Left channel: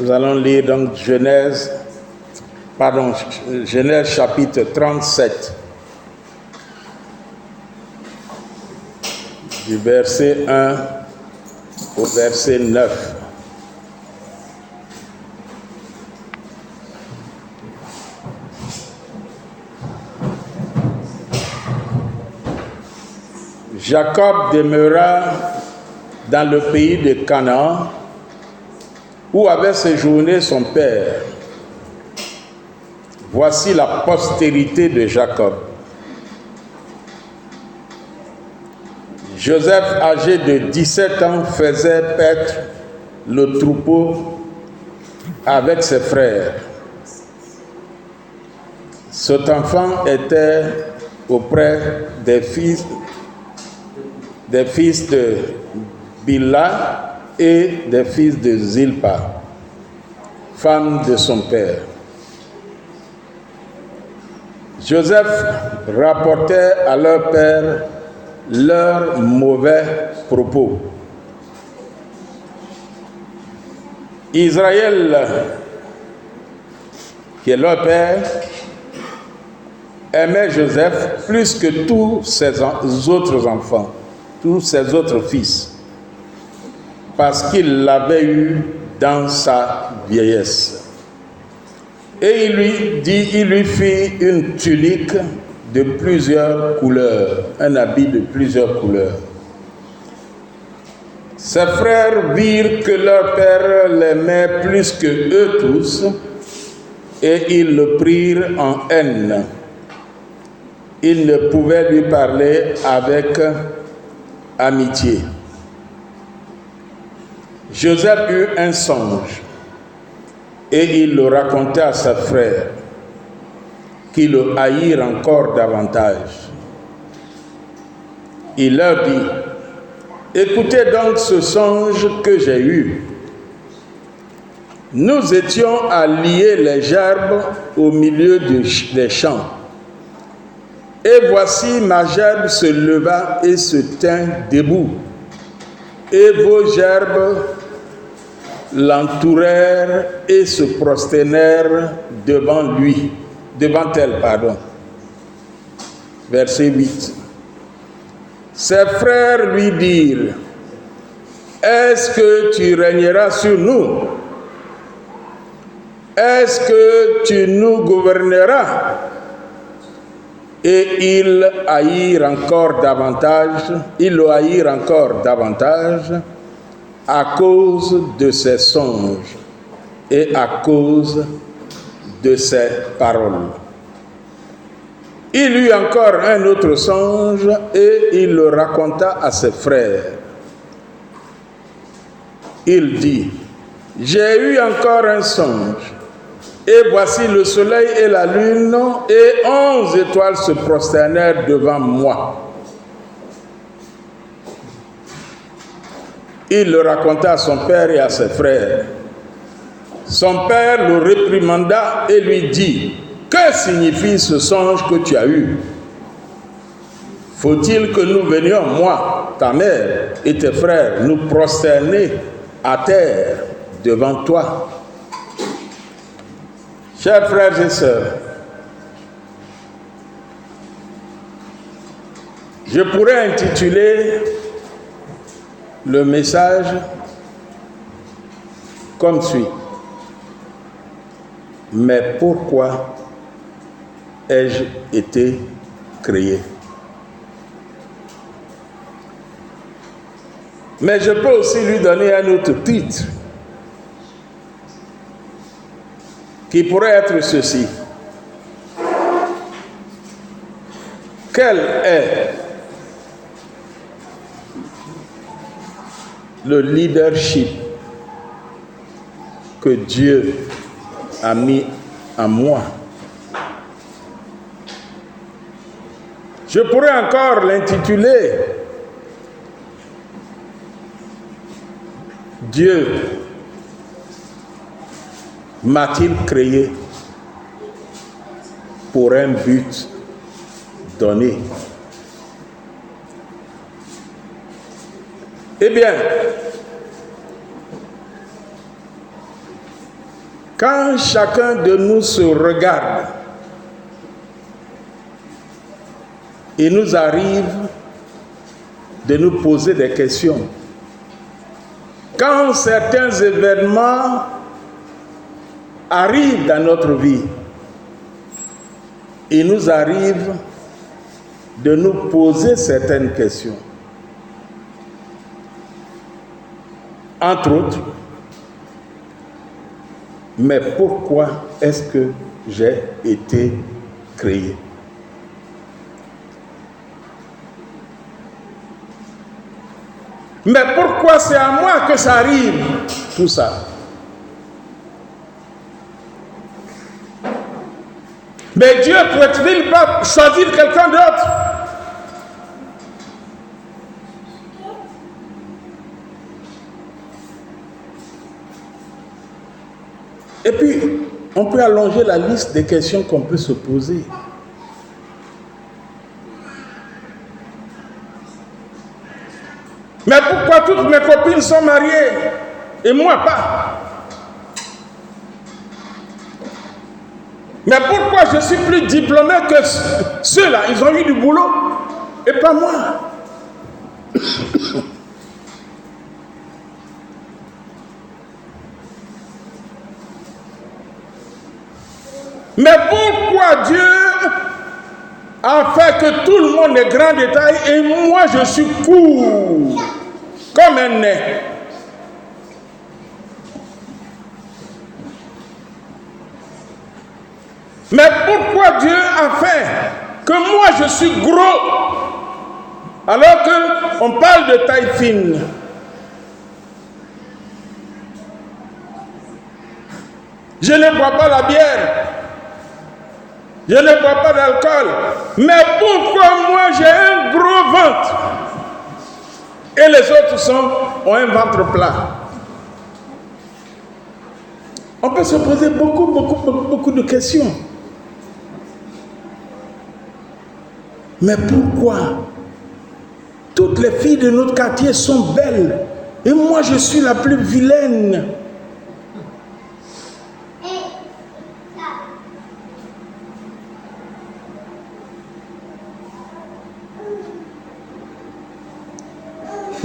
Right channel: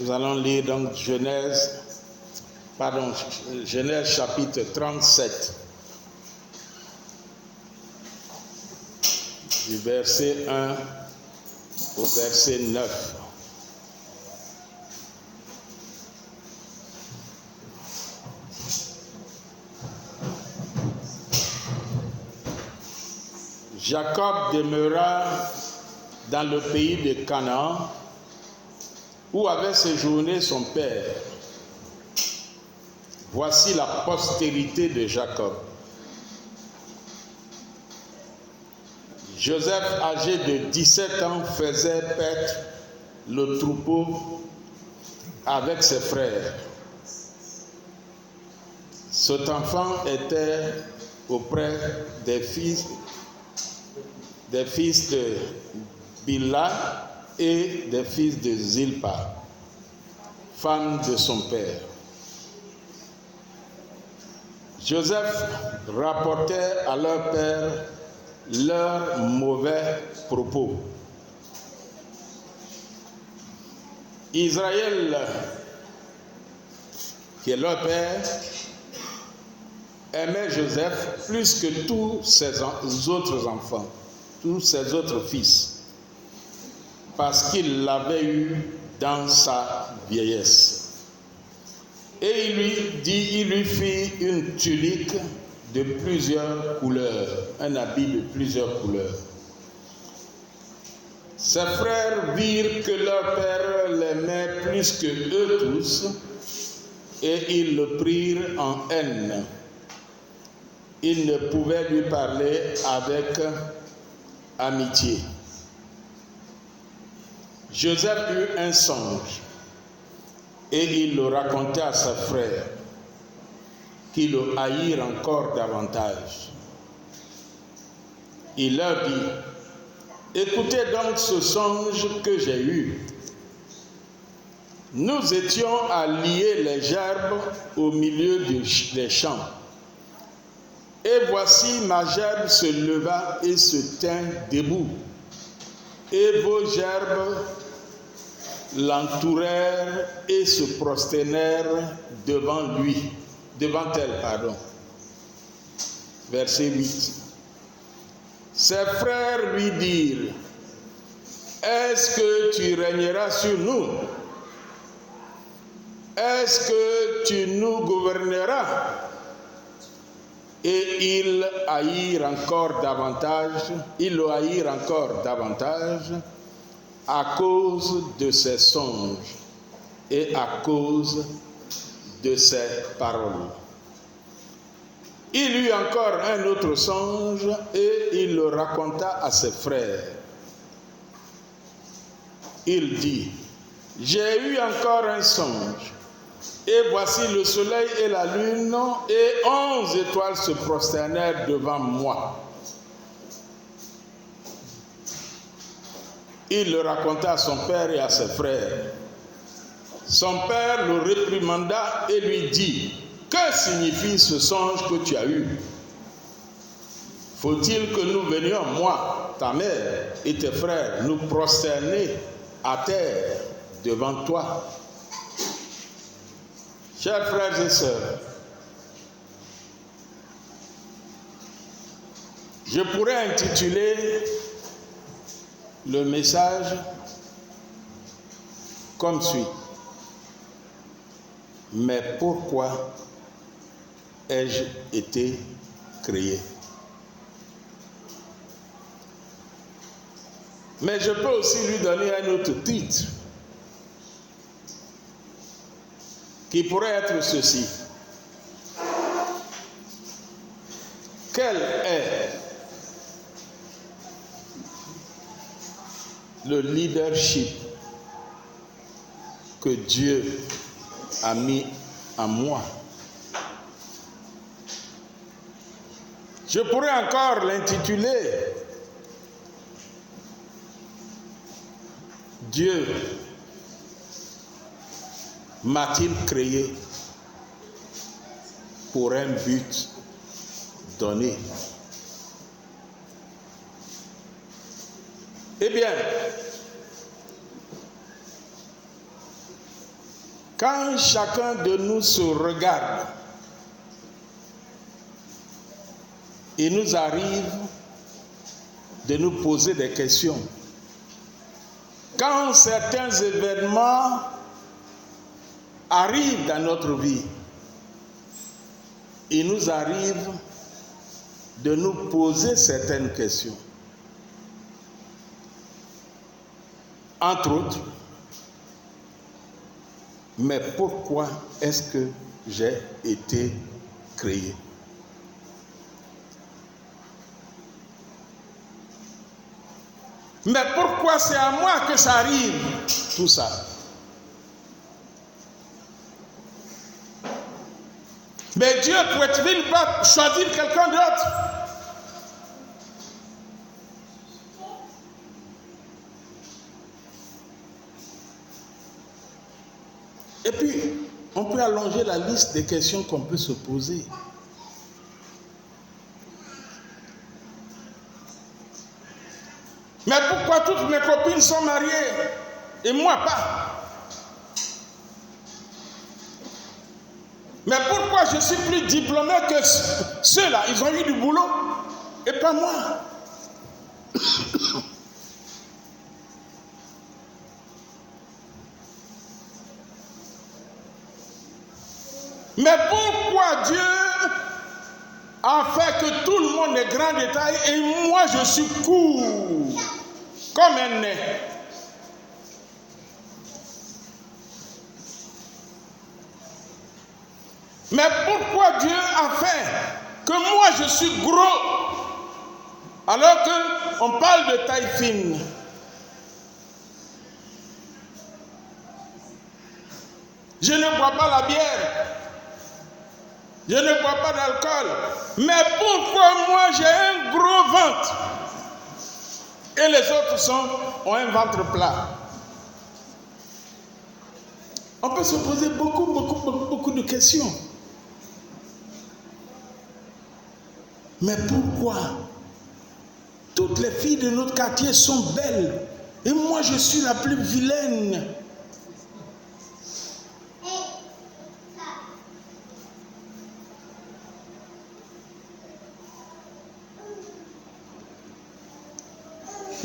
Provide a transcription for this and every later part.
Nous allons lire donc Genèse chapitre 37, du verset 1 au verset 9. Jacob demeura dans le pays de Canaan, où avait séjourné son père. Voici la postérité de Jacob. Joseph, âgé de 17 ans, faisait paître le troupeau avec ses frères. Cet enfant était auprès des fils de Bilha et des fils de Zilpa, femme de son père. Joseph rapportait à leur père leurs mauvais propos. Israël, qui est leur père, aimait Joseph plus que tous ses autres enfants, tous ses autres fils, parce qu'il l'avait eu dans sa vieillesse. Et il lui fit une tunique de plusieurs couleurs, un habit de plusieurs couleurs. Ses frères virent que leur père l'aimait plus que eux tous, et ils le prirent en haine. Ils ne pouvaient lui parler avec amitié. Joseph eut un songe, et il le raconta à ses frères, qui le haïrent encore davantage. Il leur dit: écoutez donc ce songe que j'ai eu. Nous étions à lier les gerbes au milieu des champs. Et voici ma gerbe se leva et se tint debout. Et vos gerbes l'entourèrent et se prosternèrent devant elle. Verset 8. Ses frères lui dirent: est-ce que tu régneras sur nous? Est-ce que tu nous gouverneras? Et ils le haïrent encore davantage à cause de ses songes et à cause de ses paroles. Il eut encore un autre songe et il le raconta à ses frères. Il dit: j'ai eu encore un songe, et voici le soleil et la lune et 11 étoiles se prosternèrent devant moi. Il le raconta à son père et à ses frères. Son père le réprimanda et lui dit: que signifie ce songe que tu as eu? Faut-il que nous venions, moi, ta mère et tes frères, nous prosterner à terre devant toi? Chers frères et sœurs, je pourrais intituler le message comme suit: mais pourquoi ai-je été créé? Mais je peux aussi lui donner un autre titre qui pourrait être ceci: quel est le leadership que Dieu a mis en moi? Je pourrais encore l'intituler: Dieu m'a-t-il créé pour un but donné? Eh bien, Quand chacun de nous se regarde, il nous arrive de nous poser des questions. Quand certains événements arrivent dans notre vie, il nous arrive de nous poser certaines questions. Entre autres, mais pourquoi est-ce que j'ai été créé? Mais pourquoi c'est à moi que ça arrive, tout ça? Mais Dieu pourrait-il pas choisir quelqu'un d'autre? Et puis, on peut allonger la liste des questions qu'on peut se poser. Mais pourquoi toutes mes copines sont mariées et moi pas? Mais pourquoi je suis plus diplômé que ceux-là? Ils ont eu du boulot et pas moi. Mais pourquoi Dieu a fait que tout le monde est grand de taille et moi je suis court comme un nez? Mais pourquoi Dieu a fait que moi je suis gros alors qu'on parle de taille fine? Je ne bois pas la bière. Je ne bois pas d'alcool. Mais pourquoi moi j'ai un gros ventre et les autres ont un ventre plat? On peut se poser beaucoup de questions. Mais pourquoi toutes les filles de notre quartier sont belles et moi je suis la plus vilaine?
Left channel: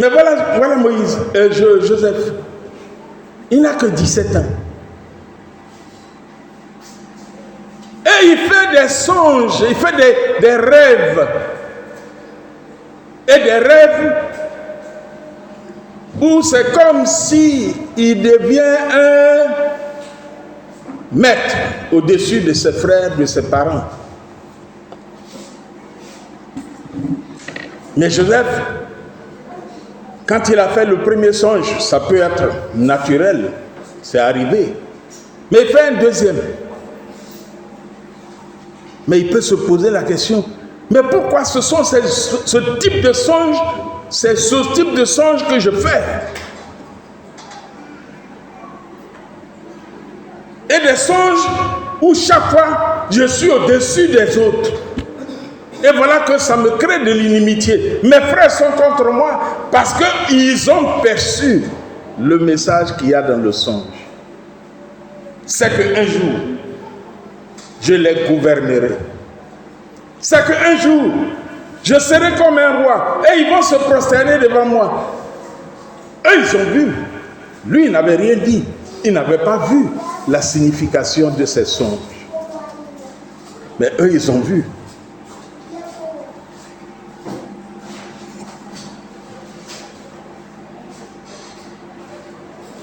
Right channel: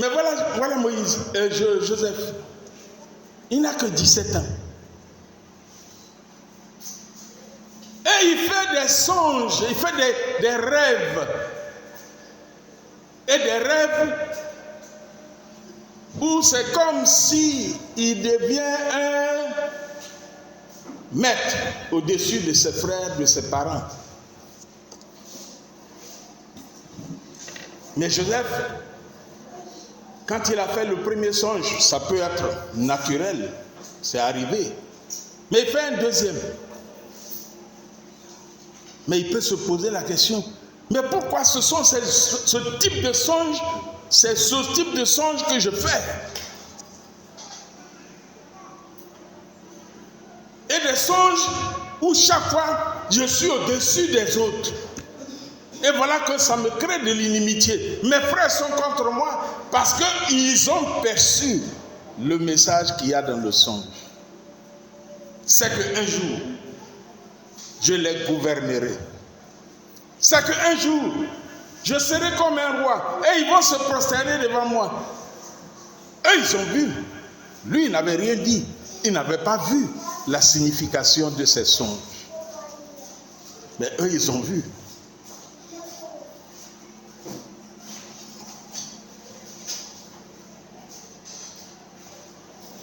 Mais voilà Moïse, Joseph. Il n'a que 17 ans. Et il fait des songes, il fait des rêves. Et des rêves où c'est comme si il devient un maître au-dessus de ses frères, de ses parents. Mais Joseph, quand il a fait le premier songe, ça peut être naturel, c'est arrivé. Mais il fait un deuxième. Mais il peut se poser la question, mais pourquoi ce type de songe, c'est ce type de songe que je fais? Et des songes où chaque fois je suis au-dessus des autres. Et voilà que ça me crée de l'inimitié. Mes frères sont contre moi parce qu'ils ont perçu le message qu'il y a dans le songe. C'est qu'un jour, je les gouvernerai. C'est qu'un jour, je serai comme un roi et ils vont se prosterner devant moi. Et ils ont vu. Lui, il n'avait rien dit. Il n'avait pas vu la signification de ces songes. Mais eux, ils ont vu.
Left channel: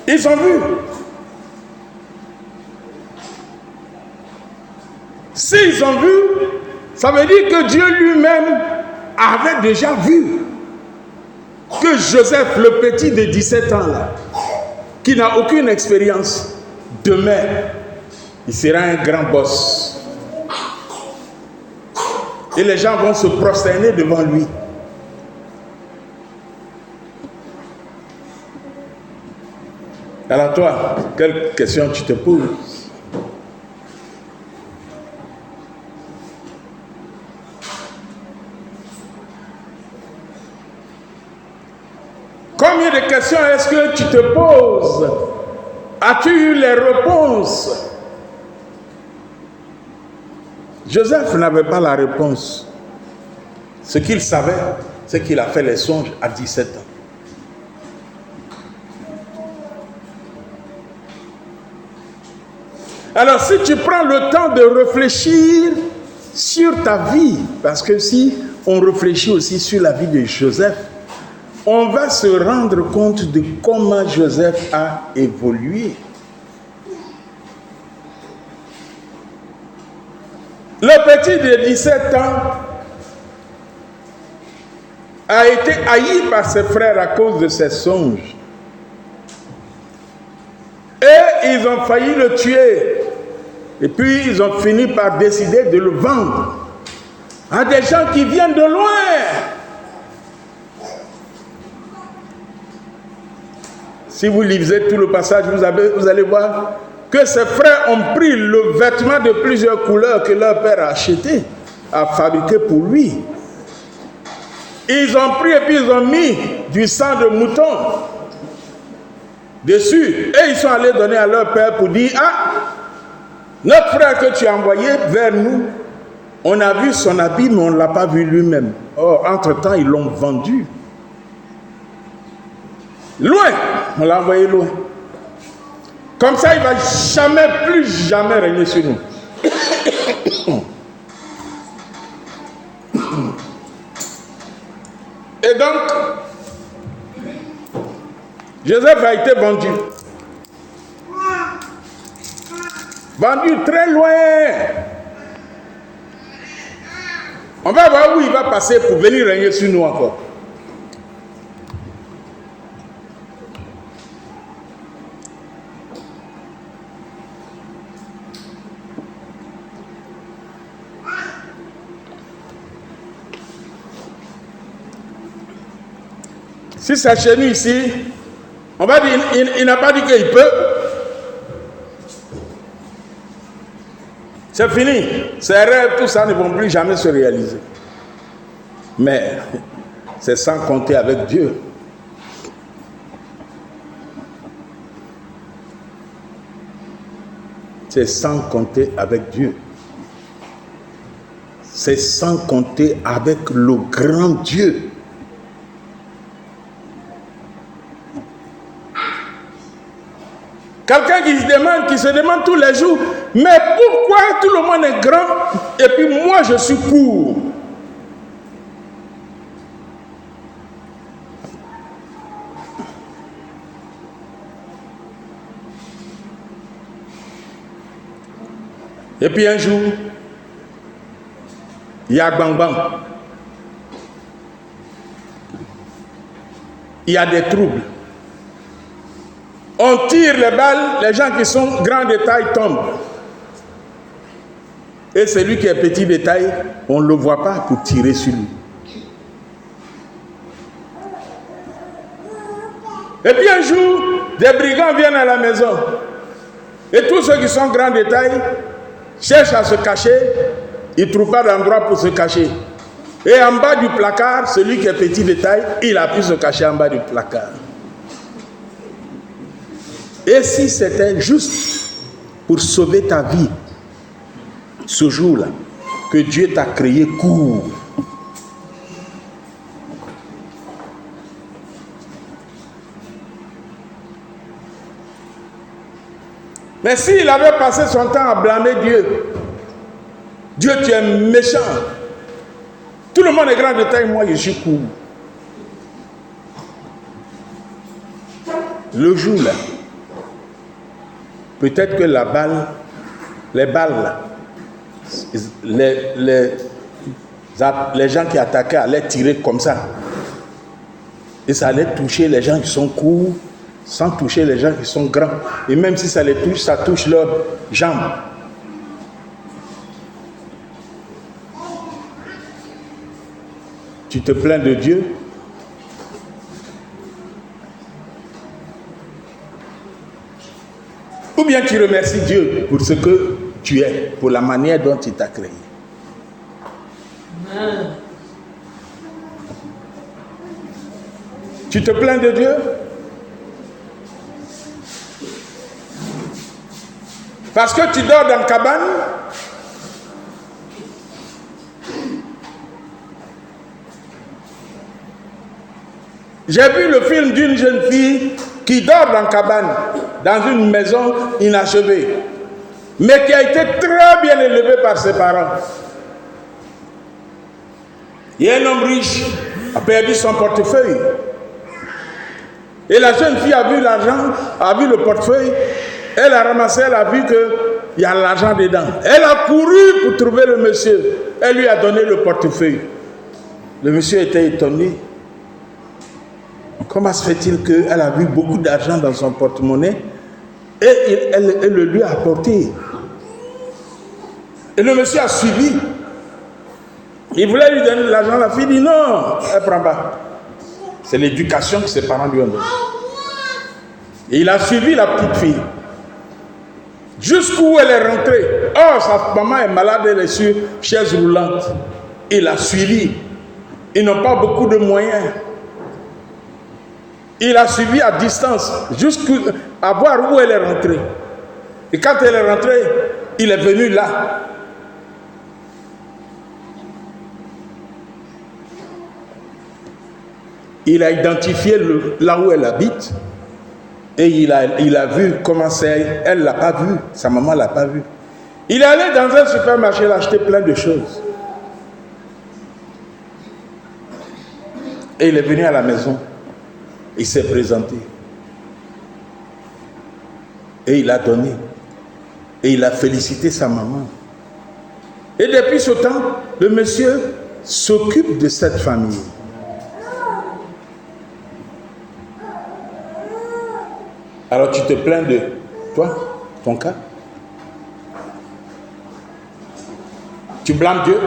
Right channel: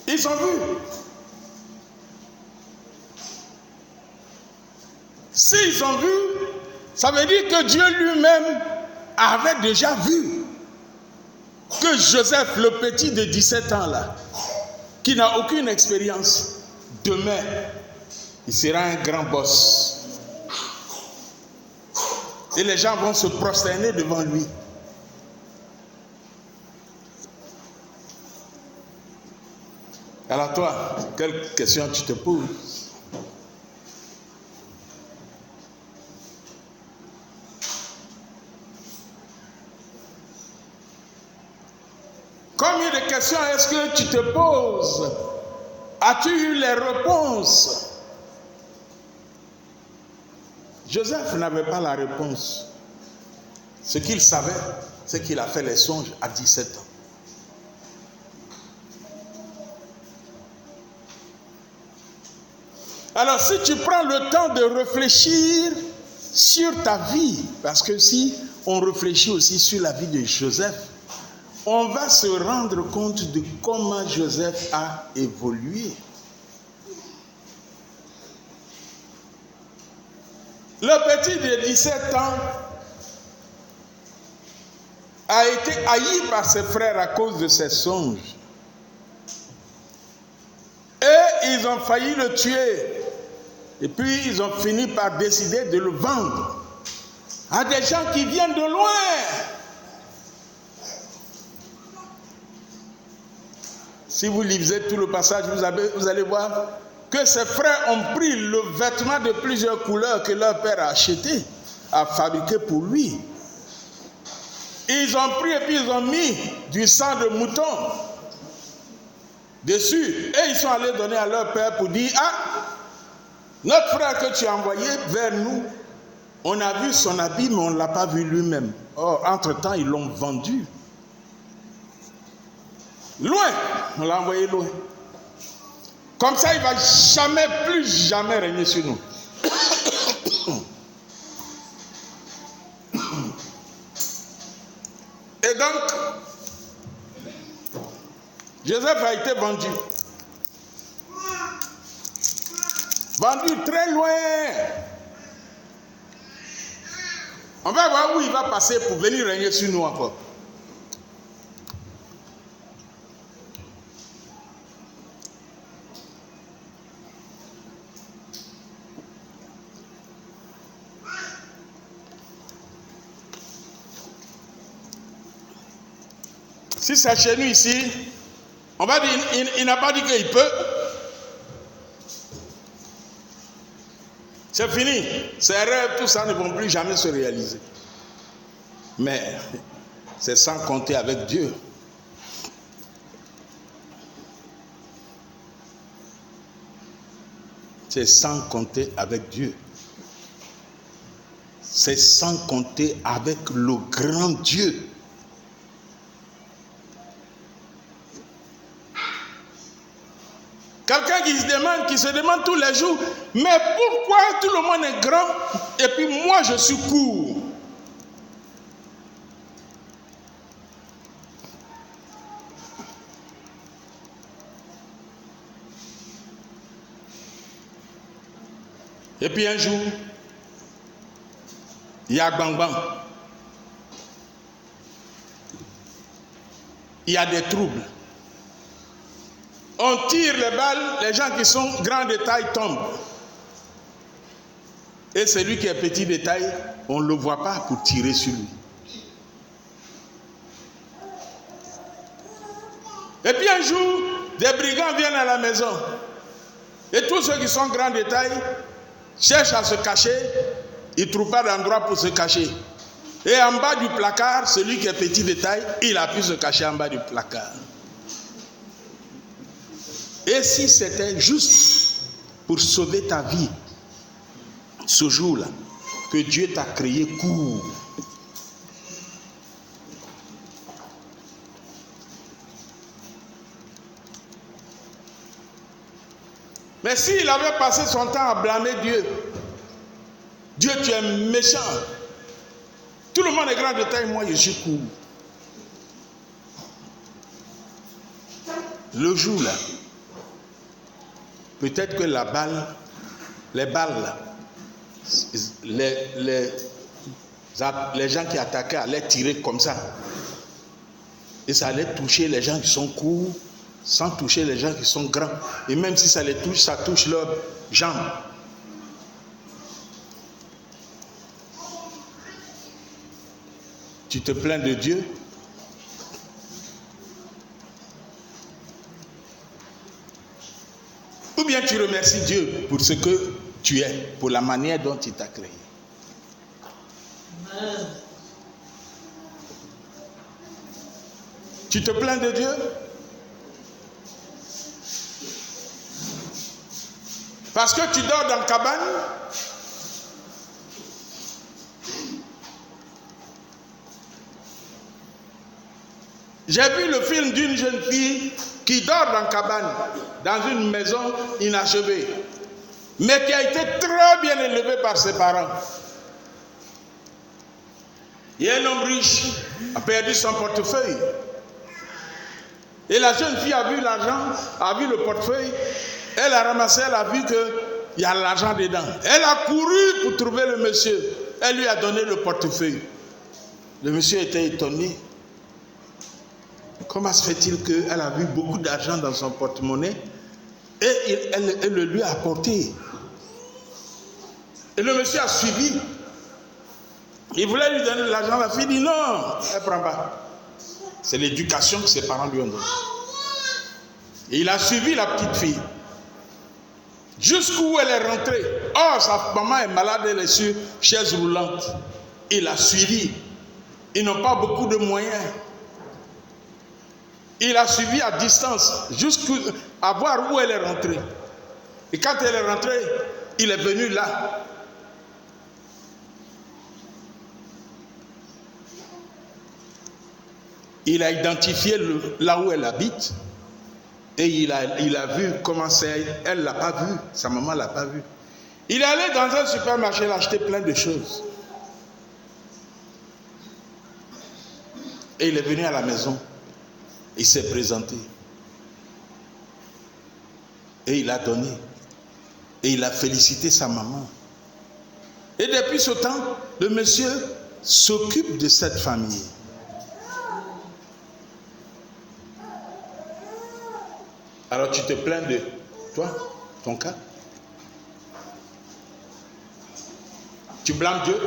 Ils ont vu. S'ils ont vu, ça veut dire que Dieu lui-même avait déjà vu que Joseph, le petit de 17 ans là, qui n'a aucune expérience, demain, il sera un grand boss. Et les gens vont se prosterner devant lui. Alors toi, quelle question tu te poses? Combien de questions est-ce que tu te poses As-tu eu les réponses? Joseph n'avait pas la réponse. Ce qu'il savait, c'est qu'il a fait les songes à 17 ans. Alors si tu prends le temps de réfléchir sur ta vie, parce que si on réfléchit aussi sur la vie de Joseph, on va se rendre compte de comment Joseph a évolué. Le petit de 17 ans a été haï par ses frères à cause de ses songes. Et ils ont failli le tuer. Et puis ils ont fini par décider de le vendre à des gens qui viennent de loin. Si vous lisez tout le passage, vous allez voir que ses frères ont pris le vêtement de plusieurs couleurs que leur père a acheté, a fabriqué pour lui. Ils ont pris et puis ils ont mis du sang de mouton dessus. Et ils sont allés donner à leur père pour dire, ah, notre frère que tu as envoyé vers nous, on a vu son habit, mais on ne l'a pas vu lui-même. Or, entre-temps, ils l'ont vendu. Loin, on l'a envoyé loin. Comme ça, il ne va plus jamais régner sur nous. Et donc, Joseph a été vendu. Vendu très loin. On va voir où il va passer pour venir régner sur nous encore. Si c'est chez nous ici, on va dire, il n'a pas dit qu'il peut. C'est fini. Ces rêves, tout ça ne vont plus jamais se réaliser. Mais c'est sans compter avec Dieu. C'est sans compter avec Dieu. C'est sans compter avec le grand Dieu. Quelqu'un qui se demande tous les jours, mais pourquoi tout le monde est grand et puis moi je suis court? Et puis un jour, il y a bang bang. Il y a des troubles. On tire les balles, les gens qui sont grands de taille tombent. Et celui qui est petit de taille, on ne le voit pas pour tirer sur lui. Et puis un jour, des brigands viennent à la maison. Et tous ceux qui sont grands de taille cherchent à se cacher. Ils ne trouvent pas d'endroit pour se cacher. Et en bas du placard, celui qui est petit de taille, il a pu se cacher en bas du placard. Et si c'était juste pour sauver ta vie, ce jour-là, que Dieu t'a créé court. Mais s'il avait passé son temps à blâmer Dieu, Dieu, tu es méchant. Tout le monde est grand de taille, moi je suis court. Le jour-là, peut-être que les balles, les gens qui attaquaient allaient tirer comme ça. Et ça allait toucher les gens qui sont courts, sans toucher les gens qui sont grands. Et même si ça les touche, ça touche leurs jambes. Tu te plains de Dieu? Ou bien tu remercies Dieu pour ce que tu es, pour la manière dont il t'a créé. Amen. Tu te plains de Dieu? Parce que tu dors dans la cabane. J'ai vu le film d'une jeune fille qui dort dans la cabane, dans une maison inachevée, mais qui a été très bien élevée par ses parents. Il y a un homme riche a perdu son portefeuille. Et la jeune fille a vu l'argent, a vu le portefeuille, elle a ramassé, elle a vu qu'il y a l'argent dedans. Elle a couru pour trouver le monsieur. Elle lui a donné le portefeuille. Le monsieur était étonné. Comment se fait-il qu'elle a vu beaucoup d'argent dans son porte-monnaie et elle le lui a apporté? Et le monsieur a suivi. Il voulait lui donner de l'argent, la fille dit non, elle ne prend pas. C'est l'éducation que ses parents lui ont donnée. Et il a suivi la petite fille. Jusqu'où elle est rentrée. Oh, sa maman est malade, elle est sur chaise roulante. Il a suivi. Ils n'ont pas beaucoup de moyens. Il a suivi à distance, jusqu'à voir où elle est rentrée. Et quand elle est rentrée, il est venu là. Il a identifié là où elle habite. Et il a vu comment c'est. Elle ne l'a pas vu. Sa maman ne l'a pas vu. Il est allé dans un supermarché, il a acheté plein de choses. Et il est venu à la maison. Il s'est présenté. Et il a donné. Et il a félicité sa maman. Et depuis ce temps, le monsieur s'occupe de cette famille. Alors tu te plains de toi, ton cas? Tu blâmes Dieu?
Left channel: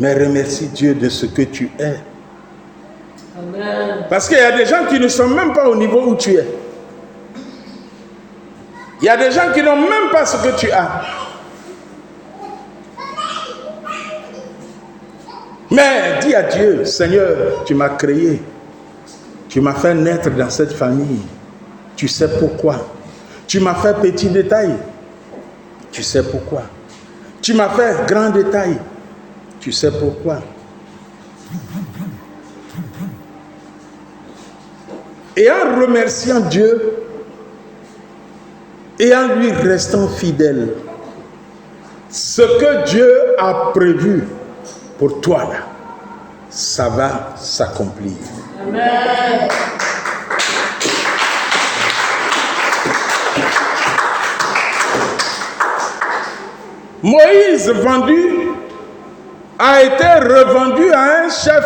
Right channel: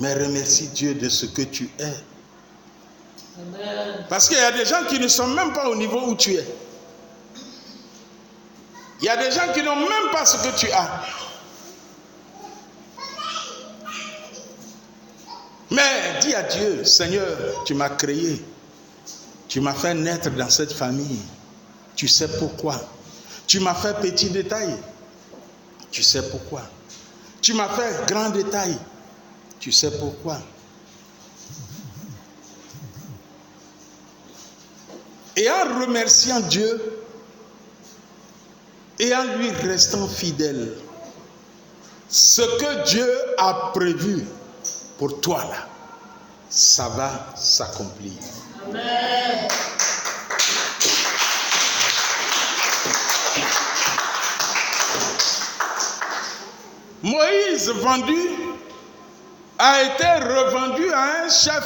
Mais remercie Dieu de ce que tu es. Amen. Parce qu'il y a des gens qui ne sont même pas au niveau où tu es. Il y a des gens qui n'ont même pas ce que tu as. Mais dis à Dieu, Seigneur, tu m'as créé. Tu m'as fait naître dans cette famille. Tu sais pourquoi. Tu m'as fait petit détail. Tu sais pourquoi. Tu m'as fait grand détail. Tu sais pourquoi. Et en remerciant Dieu et en lui restant fidèle, ce que Dieu a prévu pour toi là, ça va s'accomplir. Amen. Moïse a été revendu à un chef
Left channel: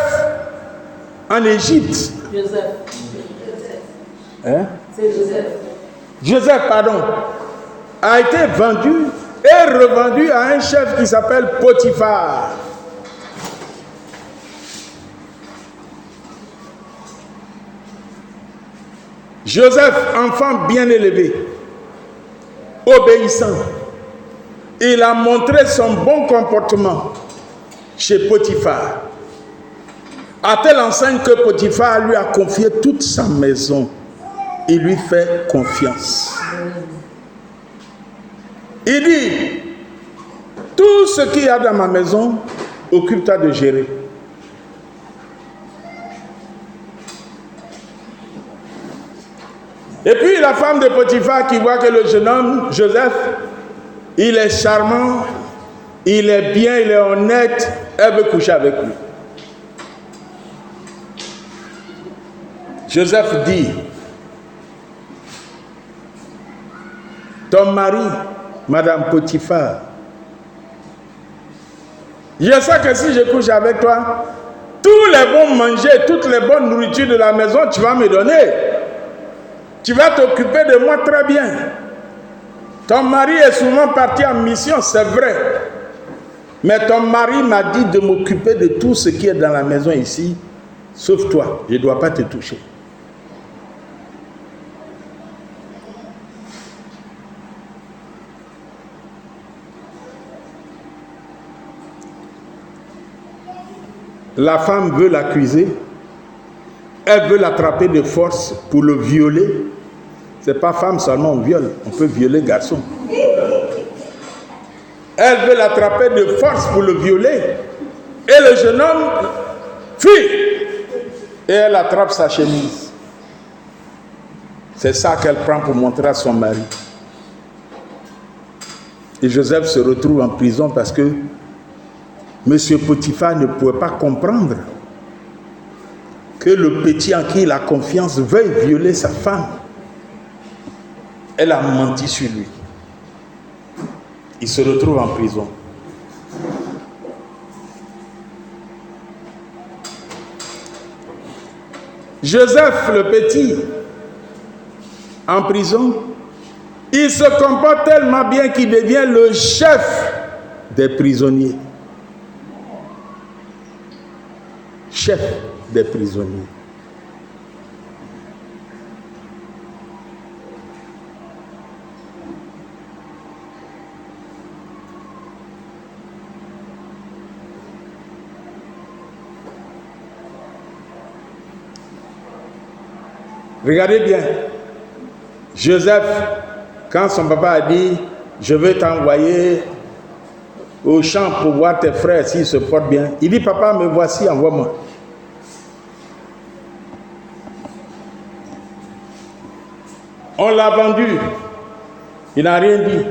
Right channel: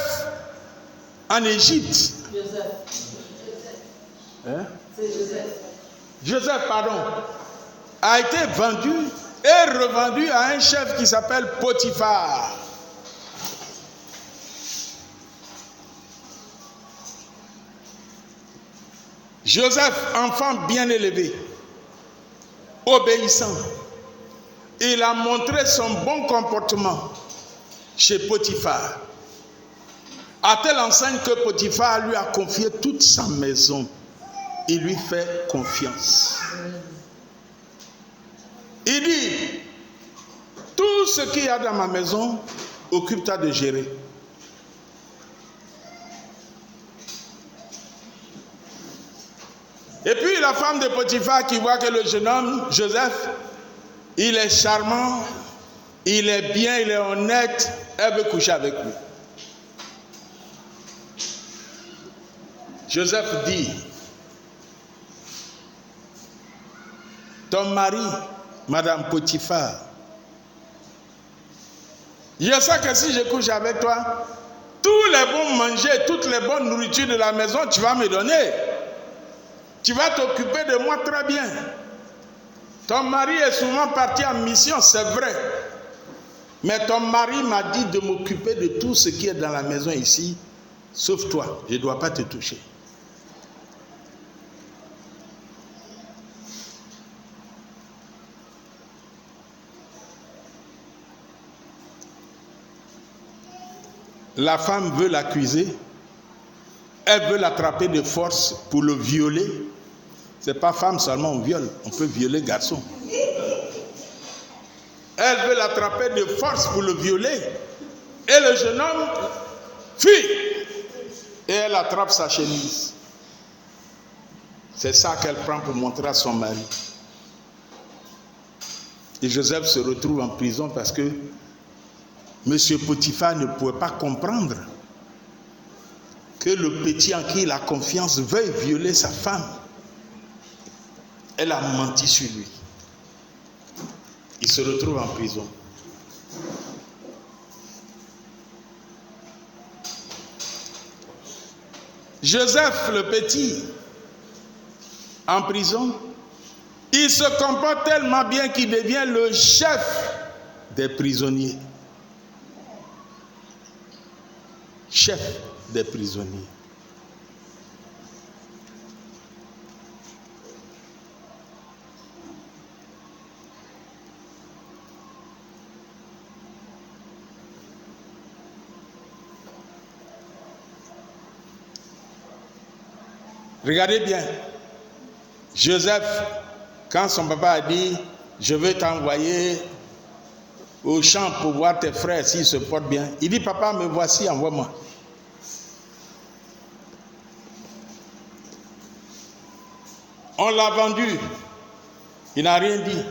en Égypte. Joseph. Hein? C'est Joseph. Joseph, pardon. A été vendu et revendu à un chef qui s'appelle Potiphar. Joseph, enfant bien élevé, obéissant, il a montré son bon comportement chez Potiphar. À telle enseigne que Potiphar lui a confié toute sa maison. Il lui fait confiance. Il dit, tout ce qu'il y a dans ma maison, occupe-toi de gérer. Et puis la femme de Potiphar qui voit que le jeune homme, Joseph, il est charmant, il est bien, il est honnête, elle veut coucher avec lui. Joseph dit, ton mari, Madame Potiphar, je sais que si je couche avec toi, tous les bons manger, toutes les bonnes nourritures de la maison, tu vas me donner. Tu vas t'occuper de moi très bien. Ton mari est souvent parti en mission, c'est vrai. Mais ton mari m'a dit de m'occuper de tout ce qui est dans la maison ici, sauf toi. Je ne dois pas te toucher. La femme veut l'accuser. elle veut l'attraper de force pour le violer. Ce n'est pas femme seulement on viole, on peut violer garçon. Elle veut l'attraper de force pour le violer. Et le jeune homme fuit. Et elle attrape sa chemise. C'est ça qu'elle prend pour montrer à son mari. Et Joseph se retrouve en prison parce que M. Potiphar ne pouvait pas comprendre que le petit en qui il a confiance veuille violer sa femme. Elle a menti sur lui. Il se retrouve en prison. Joseph le petit, en prison, il se comporte tellement bien qu'il devient le chef des prisonniers. Chef des prisonniers. Regardez bien. Joseph, quand son papa a dit « Je vais t'envoyer au champ pour voir tes frères s'ils se portent bien », il dit « Papa, me voici, envoie-moi. » On l'a vendu, il n'a rien dit.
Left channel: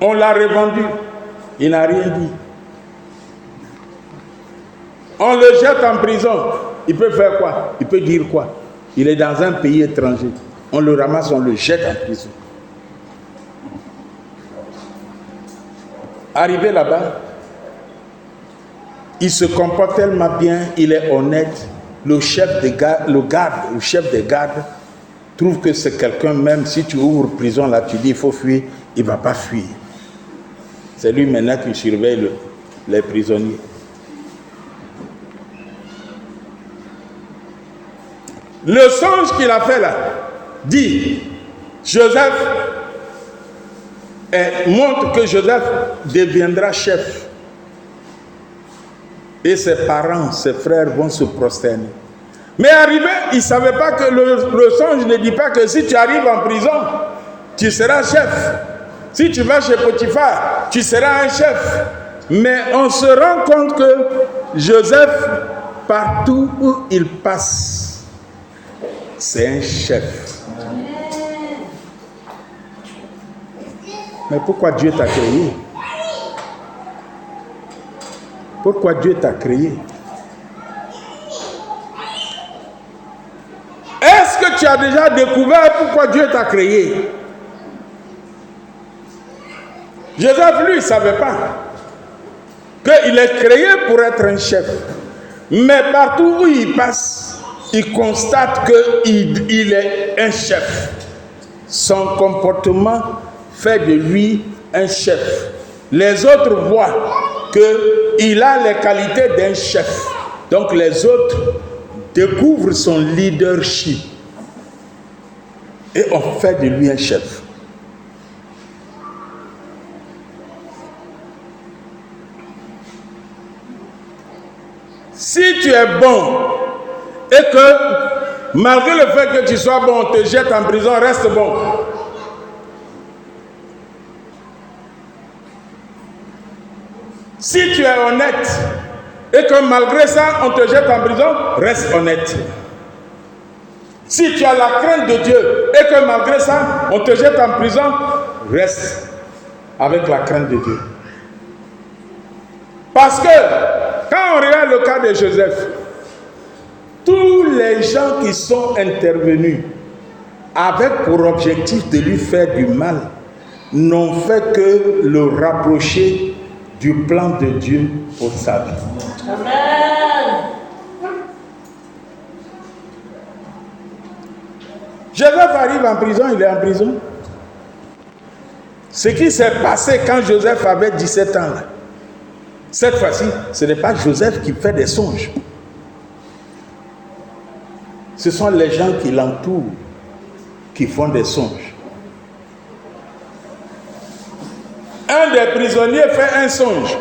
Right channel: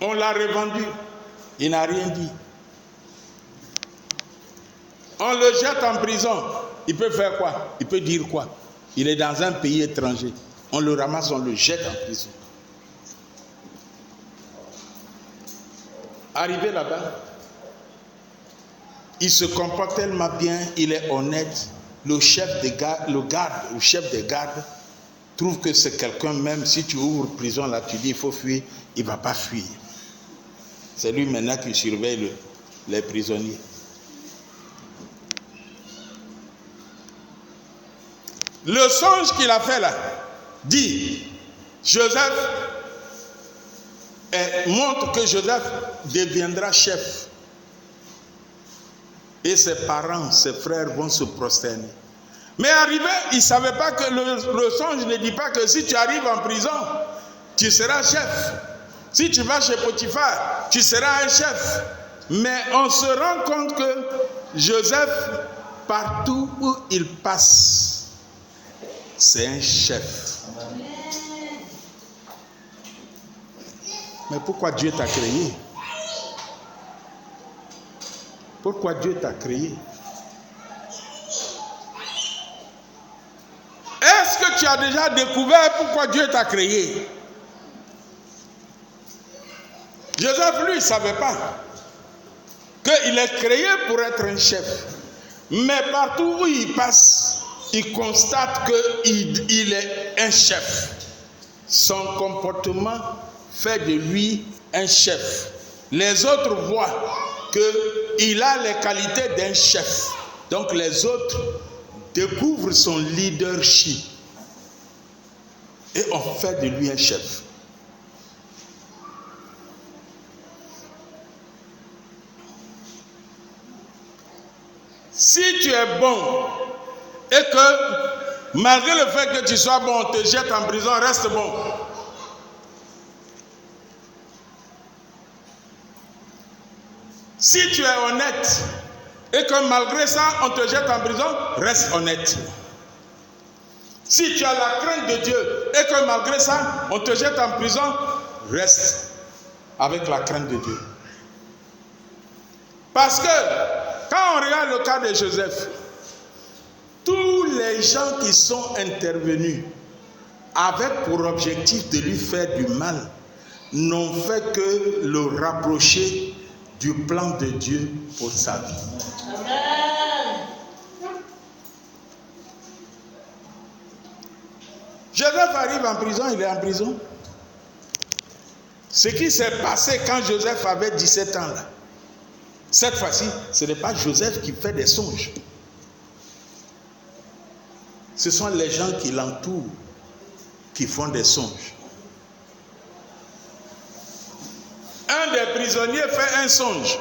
On l'a revendu, il n'a rien dit. On le jette en prison, il peut faire quoi? Il peut dire quoi? Il est dans un pays étranger. On le ramasse, on le jette en prison. Arrivé là-bas, il se comporte tellement bien, il est honnête. Le chef des gardes, trouve que c'est quelqu'un, même si tu ouvres prison là, tu dis il faut fuir, il ne va pas fuir. C'est lui maintenant qui surveille les prisonniers. Le songe qu'il a fait là, dit, Joseph, montre que Joseph deviendra chef. Et ses parents, ses frères vont se prosterner. Mais arrivé, il ne savait pas que le songe ne dit pas que si tu arrives en prison, tu seras chef. Si tu vas chez Potiphar, tu seras un chef. Mais on se rend compte que Joseph, partout où il passe, c'est un chef. Mais pourquoi Dieu t'a créé? Pourquoi Dieu t'a créé? Est-ce que tu as déjà découvert pourquoi Dieu t'a créé? Joseph, lui, ne savait pas qu'il est créé pour être un chef. Mais partout où il passe, il constate qu'il est un chef. Son comportement fait de lui un chef. Les autres voient qu'il a les qualités d'un chef. Donc les autres découvrent son leadership. Et on fait de lui un chef. Si tu es bon et que malgré le fait que tu sois bon, on te jette en prison, reste bon. Si tu es honnête et que malgré ça, on te jette en prison, reste honnête. Si tu as la crainte de Dieu et que malgré ça, on te jette en prison, reste avec la crainte de Dieu. Parce que quand on regarde le cas de Joseph, tous les gens qui sont intervenus avec pour objectif de lui faire du mal n'ont fait que le rapprocher du plan de Dieu pour sa vie. Amen. Joseph arrive en prison, il est en prison. Ce qui s'est passé quand Joseph avait 17 ans, là, cette fois-ci, ce n'est pas Joseph qui fait des songes. Ce sont les gens qui l'entourent qui font des songes. Un des prisonniers fait un songe.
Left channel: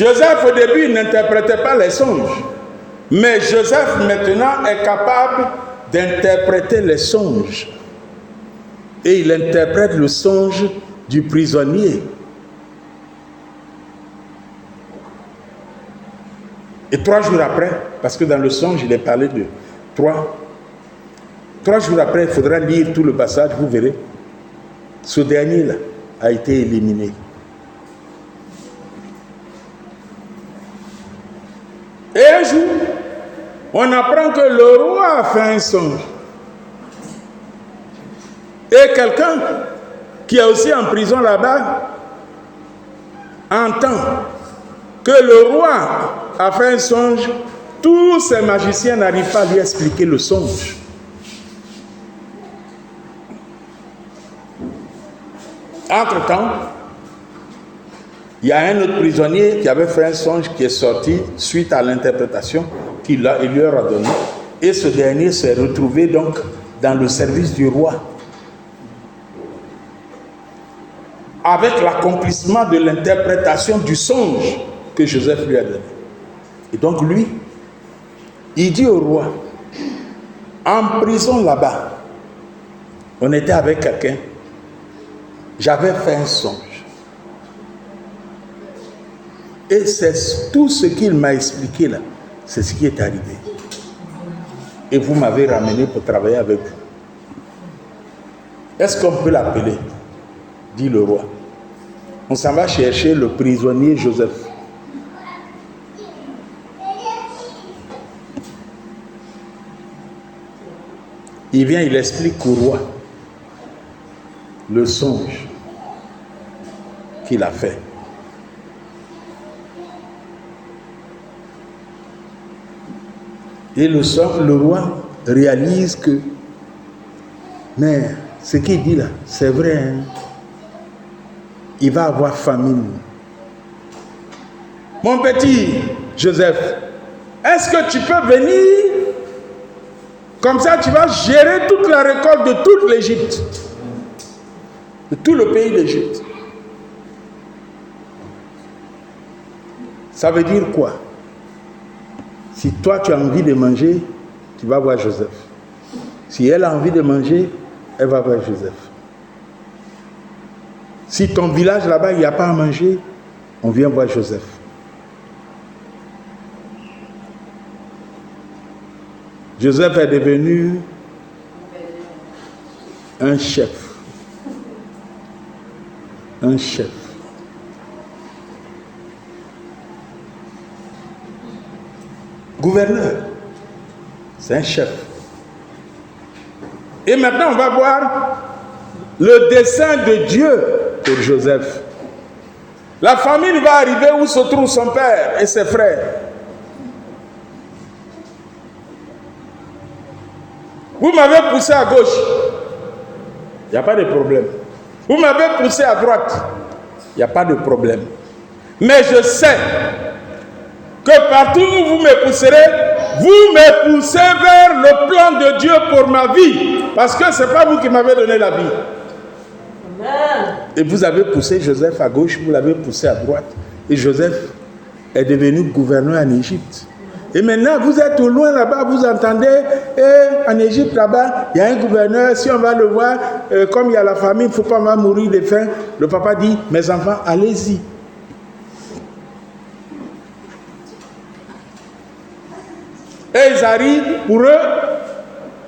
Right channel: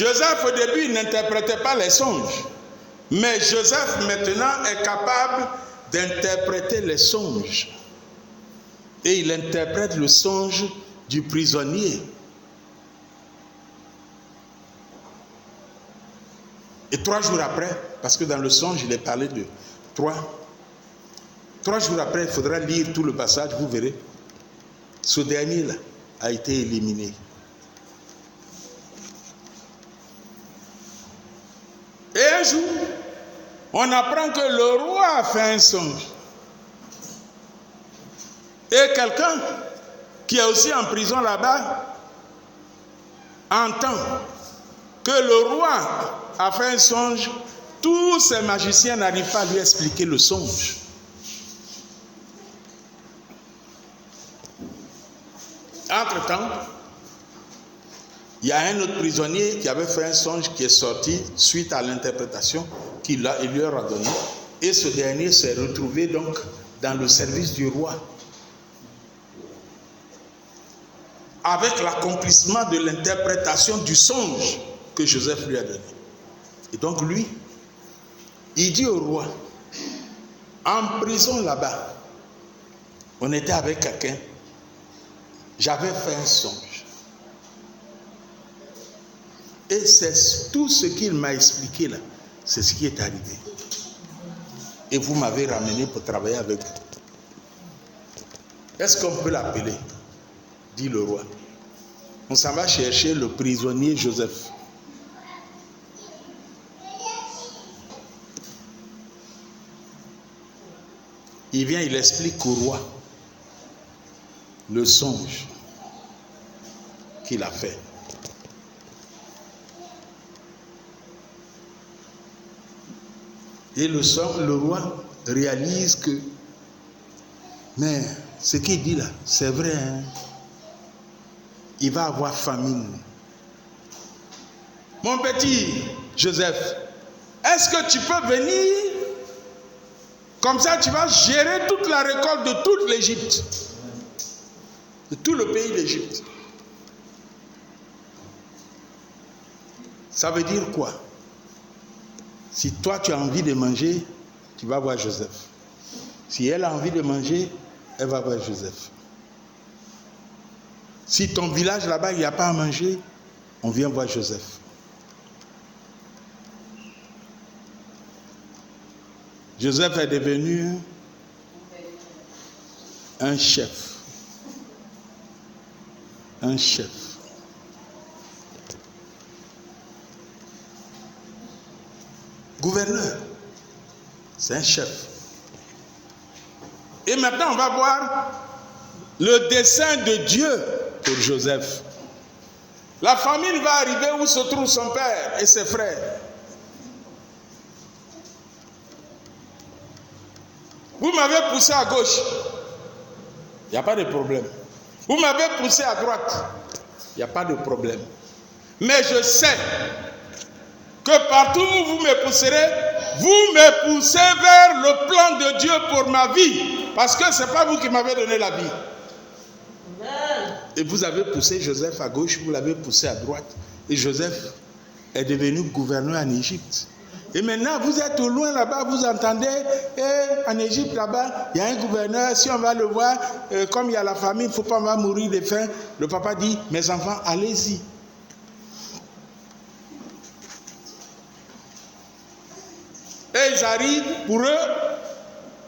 Joseph au début n'interprétait pas les songes. Mais Joseph maintenant est capable d'interpréter les songes. Et il interprète le songe du prisonnier. Et 3 jours après, parce que dans le songe, il est parlé de 3 jours après, il faudra lire tout le passage, vous verrez. Ce dernier-là a été éliminé. Et un jour, on apprend que le roi a fait un songe. Et quelqu'un qui est aussi en prison là-bas entend que le roi a fait un songe. Tous ces magiciens n'arrivent pas à lui expliquer le songe. Entre-temps, il y a un autre prisonnier qui avait fait un songe qui est sorti suite à l'interprétation qu'il leur a donnée. Et ce dernier s'est retrouvé donc dans le service du roi. Avec l'accomplissement de l'interprétation du songe que Joseph lui a donné. Et donc lui, il dit au roi, en prison là-bas, on était avec quelqu'un, j'avais fait un songe. Et c'est tout ce qu'il m'a expliqué là, c'est ce qui est arrivé. Et vous m'avez ramené pour travailler avec vous. Est-ce qu'on peut l'appeler? Dit le roi. On s'en va chercher le prisonnier Joseph. Il vient, il explique au roi le songe qu'il a fait. Et le roi réalise que, mais ce qu'il dit là, c'est vrai, hein? Il va avoir famine. Mon petit Joseph, est-ce que tu peux venir? Comme ça, tu vas gérer toute la récolte de toute l'Égypte. De tout le pays d'Égypte. Ça veut dire quoi? Si toi, tu as envie de manger, tu vas voir Joseph. Si elle a envie de manger, elle va voir Joseph. Si ton village là-bas, il n'y a pas à manger, on vient voir Joseph. Joseph est devenu un chef. Un chef. Gouverneur. C'est un chef. Et maintenant, on va voir le dessein de Dieu pour Joseph. La famine va arriver où se trouve son père et ses frères. Vous m'avez poussé à gauche, il n'y a pas de problème. Vous m'avez poussé à droite, il n'y a pas de problème. Mais je sais que partout où vous me pousserez, vous me poussez vers le plan de Dieu pour ma vie. Parce que ce n'est pas vous qui m'avez donné la vie. Amen. Et vous avez poussé Joseph à gauche, vous l'avez poussé à droite. Et Joseph est devenu gouverneur en Égypte. Et maintenant, vous êtes au loin là-bas, vous entendez, et en Égypte là-bas, il y a un gouverneur, si on va le voir, comme il y a la famine, il ne faut pas mourir de faim. Le papa dit, mes enfants, allez-y. Et ils arrivent, pour eux,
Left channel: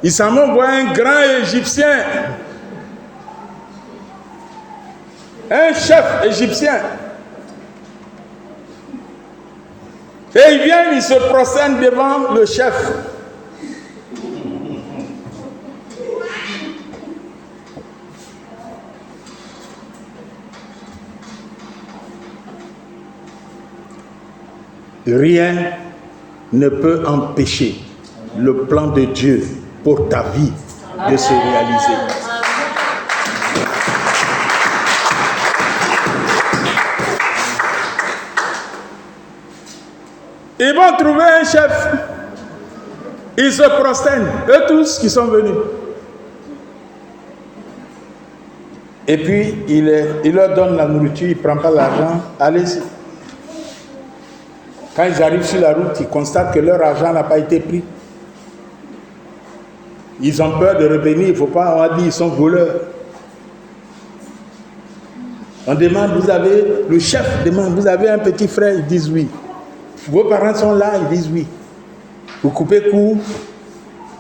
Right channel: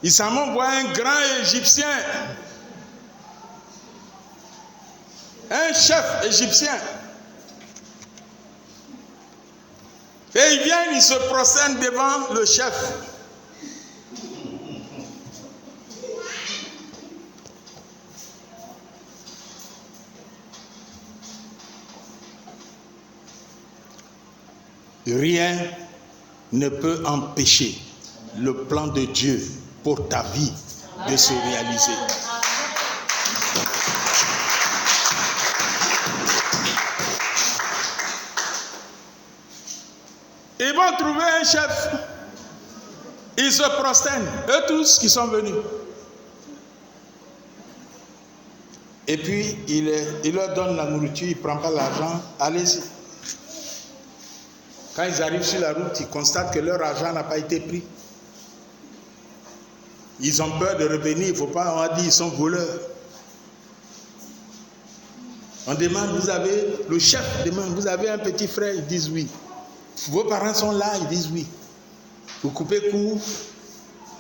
ils s'en vont voir un grand Égyptien, un chef égyptien. Et ils viennent, ils se prosternent devant le chef. Rien ne peut empêcher le plan de Dieu pour ta vie de se réaliser. Ils vont trouver un chef. Ils se prosternent, eux tous qui sont venus. Et puis, il leur donne la nourriture, il ne prend pas l'argent. Allez-y. Quand ils arrivent sur la route, ils constatent que leur argent n'a pas été pris. Ils ont peur de revenir. Il ne faut pas, on a dit, ils sont voleurs. On demande, le chef demande, vous avez un petit frère? Ils disent oui. Vos parents sont là? Ils disent oui. Vous coupez court.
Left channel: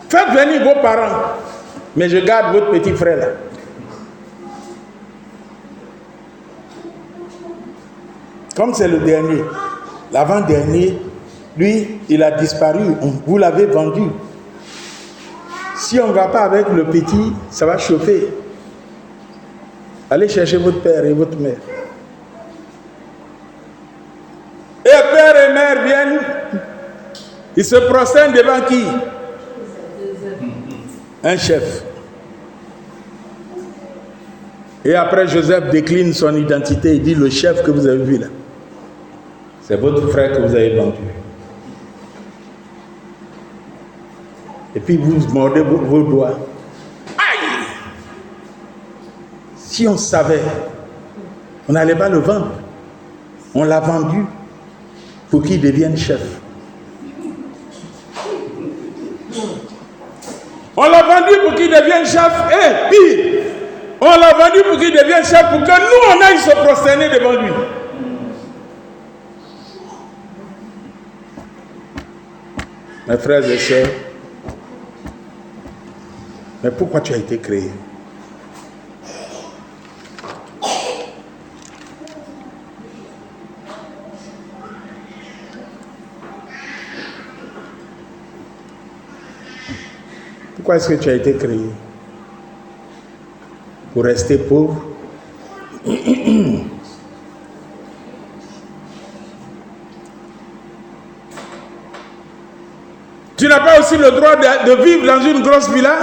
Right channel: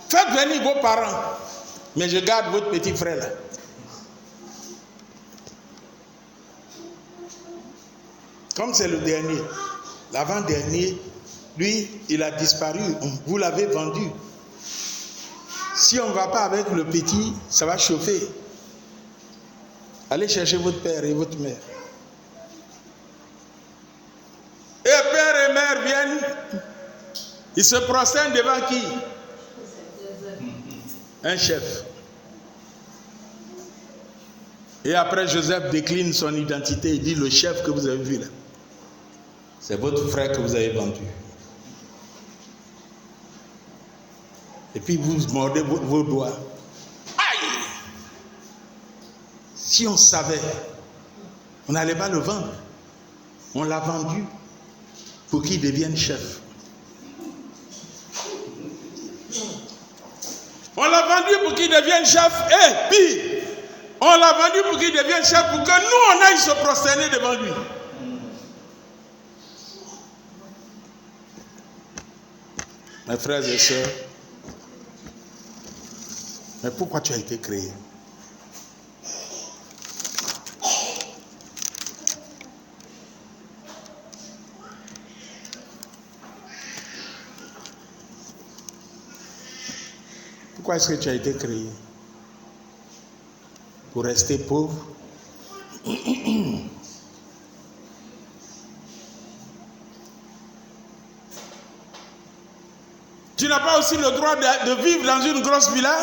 Faites venir vos parents. Mais je garde votre petit frère là. Comme c'est le dernier, l'avant-dernier, lui, il a disparu. Vous l'avez vendu. Si on ne va pas avec le petit, ça va chauffer. Allez chercher votre père et votre mère. Et père et mère viennent, ils se prosternent devant qui? Un chef. Et après, Joseph décline son identité. Il dit, le chef que vous avez vu là, c'est votre frère que vous avez vendu. Et puis vous mordez vos doigts. Aïe! Si on savait, on n'allait pas le vendre. On l'a vendu pour qu'il devienne chef. On l'a vendu pour qu'il devienne chef. Et pire, on l'a vendu pour qu'il devienne chef pour que nous, on aille se prosterner devant lui. Mes frères et sœurs, mais pourquoi tu as été créé? Pourquoi est-ce que tu as été créé? Pour rester pauvre? Tu n'as pas aussi le droit de vivre dans une grosse villa?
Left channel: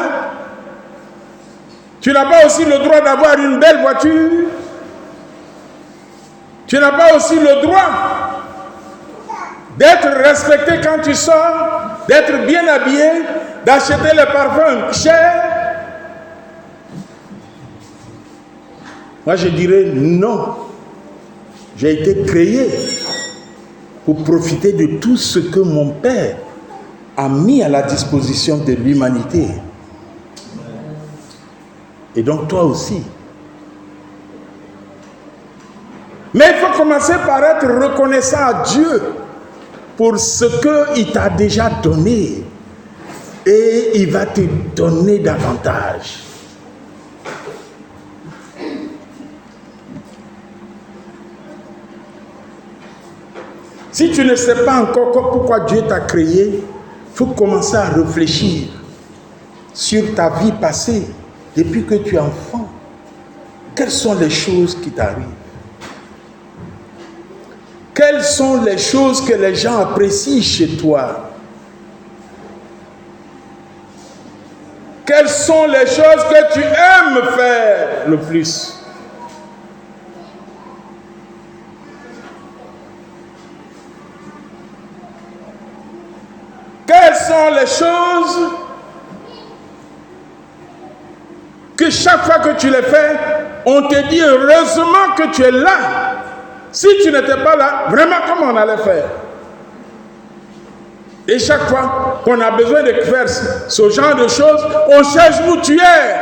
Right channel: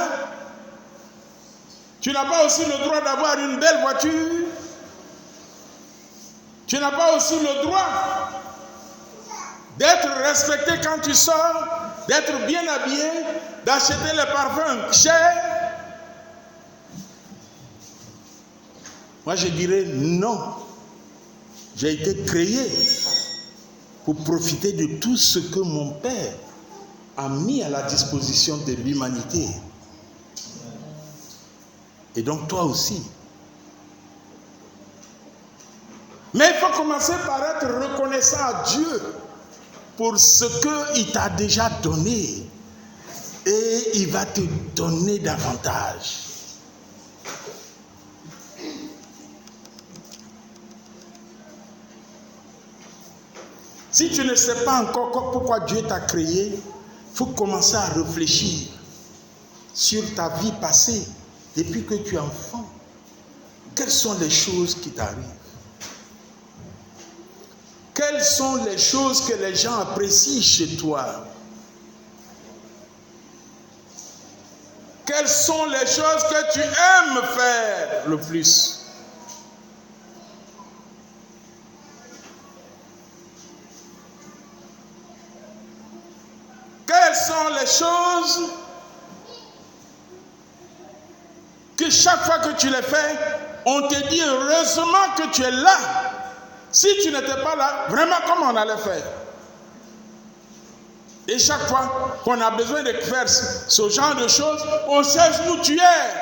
Tu n'as pas aussi le droit d'avoir une belle voiture? Tu n'as pas aussi le droit d'être respecté quand tu sors, d'être bien habillé, d'acheter les parfums chers? Moi je dirais non. J'ai été créé pour profiter de tout ce que mon Père a mis à la disposition de l'humanité. Et donc toi aussi. Mais il faut commencer par être reconnaissant à Dieu pour ce qu'il t'a déjà donné. Et il va te donner davantage. Si tu ne sais pas encore pourquoi Dieu t'a créé, il faut commencer à réfléchir sur ta vie passée depuis que tu es enfant. Quelles sont les choses qui t'arrivent? Quelles sont les choses que les gens apprécient chez toi? Quelles sont les choses que tu aimes faire le plus? Quelles sont les choses que chaque fois que tu les fais, on te dit heureusement que tu es là. Si tu n'étais pas là, vraiment comment on allait faire? Et chaque fois qu'on a besoin de faire ce genre de choses, on cherche où tu es.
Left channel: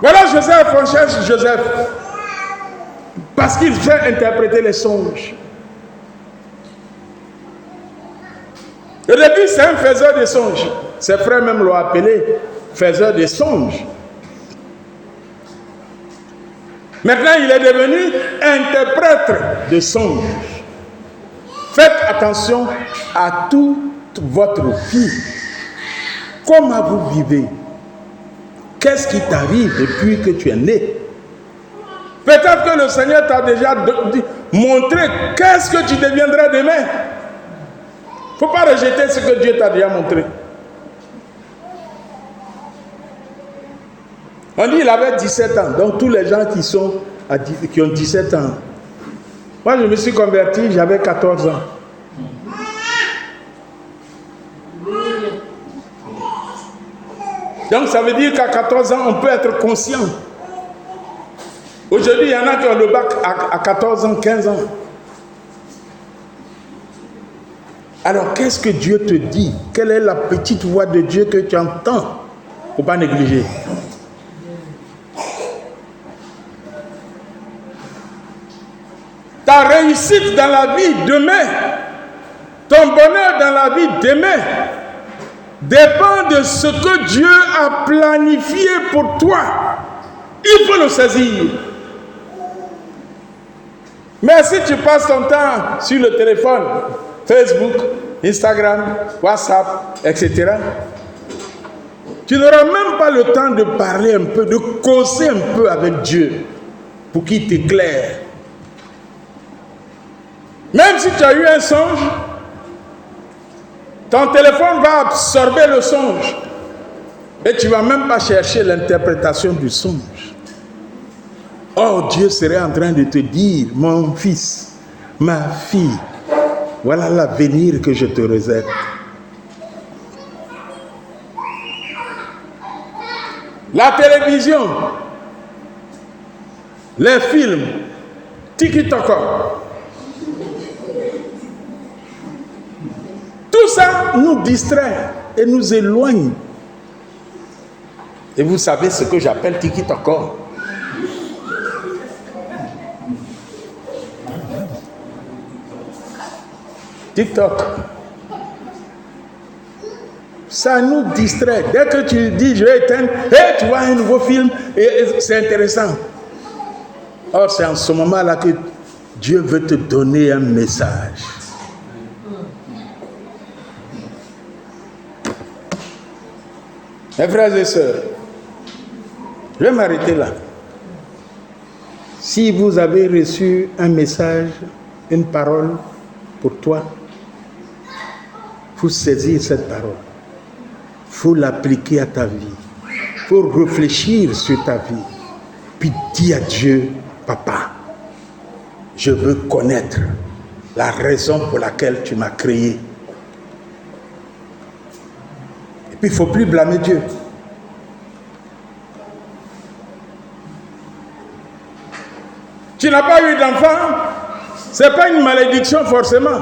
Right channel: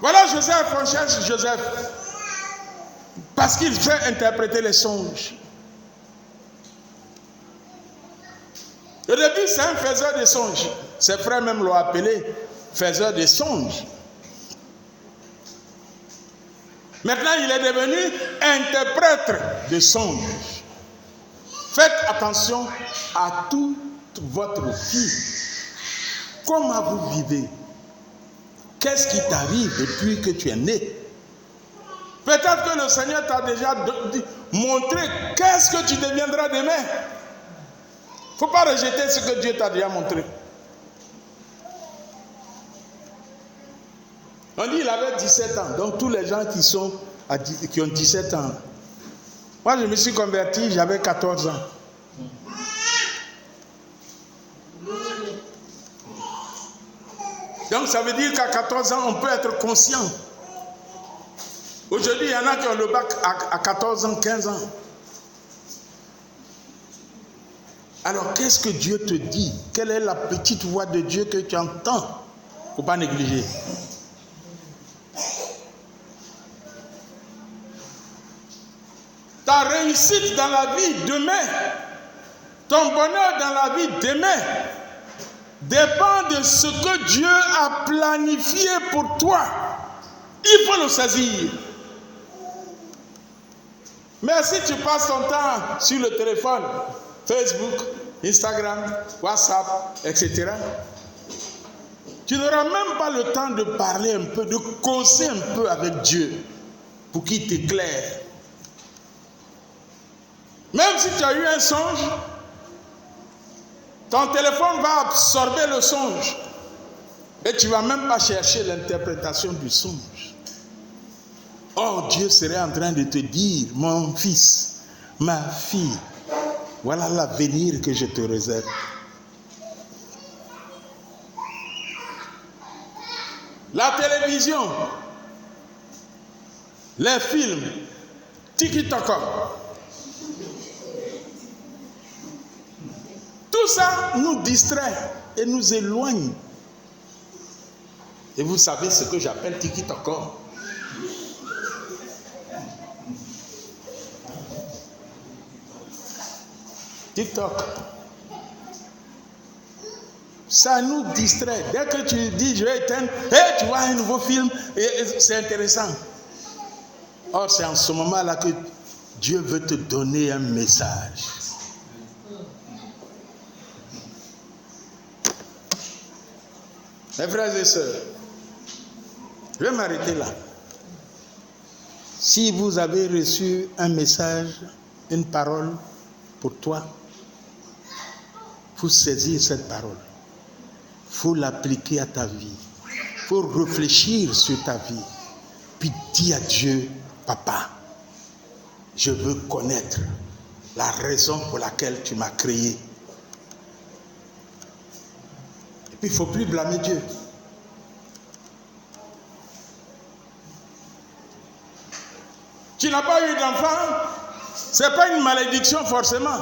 Voilà Joseph, on cherche Joseph. Parce qu'il sait interpréter les songes. Au début, c'est un faiseur de songes. Ses frères même l'ont appelé faiseur de songes. Maintenant, il est devenu interprète de songes. Faites attention à toute votre vie. Comment vous vivez? Qu'est-ce qui t'arrive depuis que tu es né? Peut-être que le Seigneur t'a déjà montré qu'est-ce que tu deviendras demain. Il ne faut pas rejeter ce que Dieu t'a déjà montré. On dit qu'il avait 17 ans. Donc tous les gens qui ont 17 ans. Moi je me suis converti, j'avais 14 ans. Donc ça veut dire qu'à 14 ans, on peut être conscient. Aujourd'hui, il y en a qui ont le bac à 14 ans, 15 ans. Alors, qu'est-ce que Dieu te dit? Quelle est la petite voix de Dieu que tu entends? Il ne faut pas négliger. Ta réussite dans la vie demain, ton bonheur dans la vie demain, dépend de ce que Dieu a planifié pour toi. Il faut le saisir. Mais si tu passes ton temps sur le téléphone, Facebook, Instagram, WhatsApp, etc., tu n'auras même pas le temps de parler un peu, de causer un peu avec Dieu pour qu'il t'éclaire. Même si tu as eu un songe, ton téléphone va absorber le songe et tu ne vas même pas chercher l'interprétation du songe. Or, Dieu serait en train de te dire, mon fils, ma fille, voilà l'avenir que je te réserve. La télévision, les films, tiki-taka, tout ça nous distrait et nous éloigne. Et vous savez ce que j'appelle tiki-taka. TikTok. Ça nous distrait. Dès que tu dis je vais éteindre, hey, tu vois un nouveau film, et c'est intéressant. Or, c'est en ce moment-là que Dieu veut te donner un message. Mes frères et sœurs, je vais m'arrêter là. Si vous avez reçu un message, une parole pour toi, il faut saisir cette parole. Il faut l'appliquer à ta vie. Il faut réfléchir sur ta vie. Puis dis à Dieu, papa, je veux connaître la raison pour laquelle tu m'as créé. Et puis il ne faut plus blâmer Dieu. Tu n'as pas eu d'enfant, ce n'est pas une malédiction forcément.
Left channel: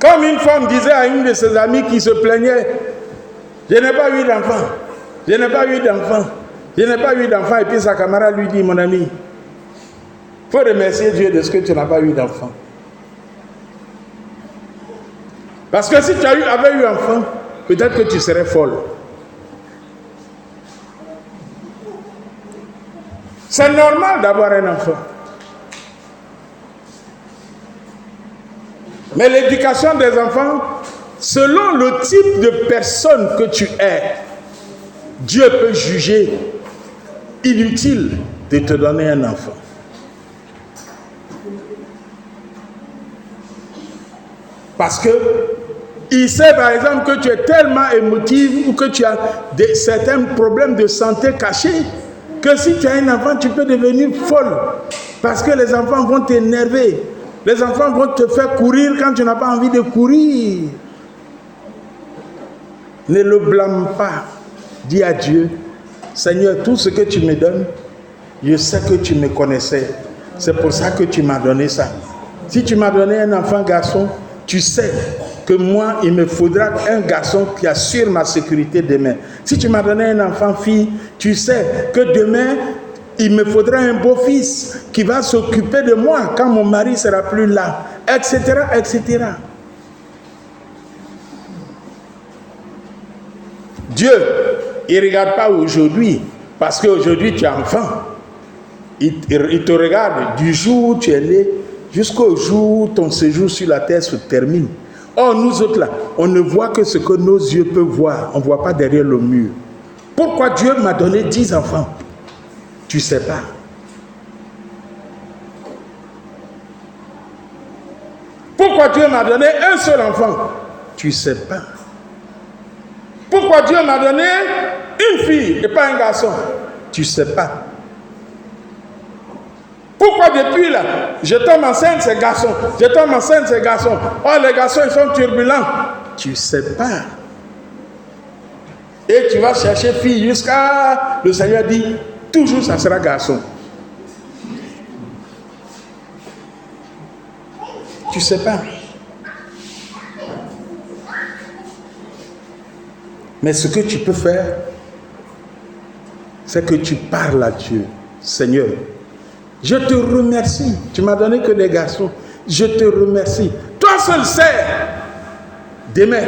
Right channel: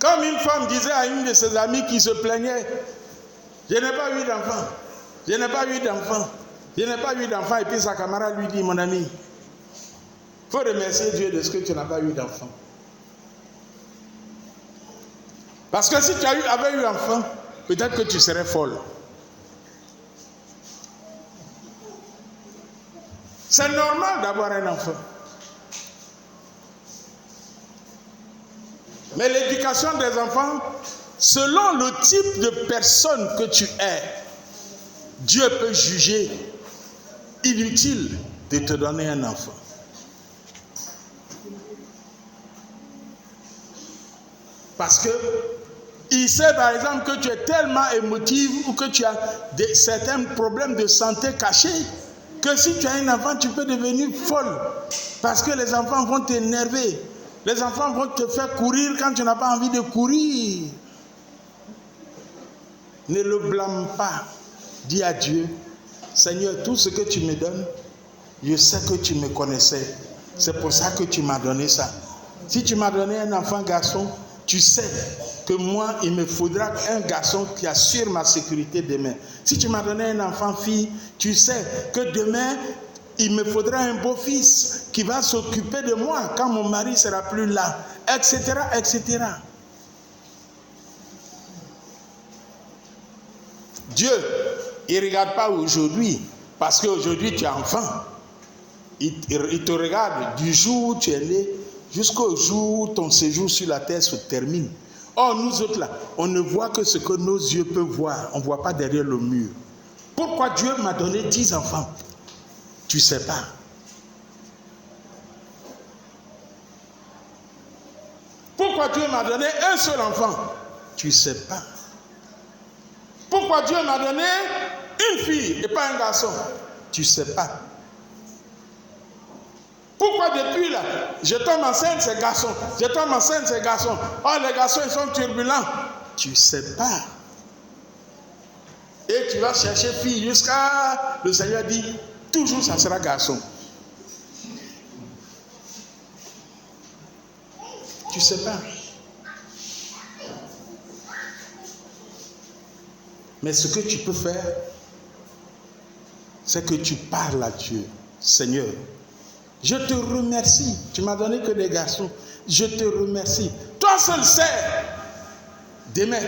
Comme une femme disait à une de ses amies qui se plaignait, je n'ai pas eu d'enfant, je n'ai pas eu d'enfant, je n'ai pas eu d'enfant. Et puis sa camarade lui dit, mon ami, il faut remercier Dieu de ce que tu n'as pas eu d'enfant. Parce que si tu avais eu enfant, peut-être que tu serais folle. C'est normal d'avoir un enfant. Mais l'éducation des enfants, selon le type de personne que tu es, Dieu peut juger inutile de te donner un enfant. Parce que il sait par exemple que tu es tellement émotive ou que tu as certains problèmes de santé cachés que si tu as un enfant, tu peux devenir folle. Parce que les enfants vont t'énerver. Les enfants vont te faire courir quand tu n'as pas envie de courir. Ne le blâme pas. Dis à Dieu, Seigneur, tout ce que tu me donnes, je sais que tu me connaissais. C'est pour ça que tu m'as donné ça. Si tu m'as donné un enfant garçon, tu sais que moi, il me faudra un garçon qui assure ma sécurité demain. Si tu m'as donné un enfant fille, tu sais que demain, il me faudra un beau-fils qui va s'occuper de moi quand mon mari ne sera plus là, etc., etc. Dieu, il ne regarde pas aujourd'hui, parce qu'aujourd'hui tu es enfant. Il te regarde du jour où tu es né jusqu'au jour où ton séjour sur la terre se termine. Or, nous autres là, on ne voit que ce que nos yeux peuvent voir. On ne voit pas derrière le mur. Pourquoi Dieu m'a donné 10 enfants? Tu ne sais pas. Pourquoi Dieu m'a donné un seul enfant? Tu ne sais pas. Pourquoi Dieu m'a donné une fille et pas un garçon? Tu ne sais pas. Pourquoi depuis là, je tombe enceinte, c'est garçon. Je tombe enceinte, c'est garçon. Oh, les garçons, ils sont turbulents. Tu ne sais pas. Et tu vas chercher fille jusqu'à... Le Seigneur dit, toujours ça sera garçon. Tu ne sais pas. Mais ce que tu peux faire, c'est que tu parles à Dieu. Seigneur, je te remercie. Tu m'as donné que des garçons. Je te remercie. Toi seul sais demain.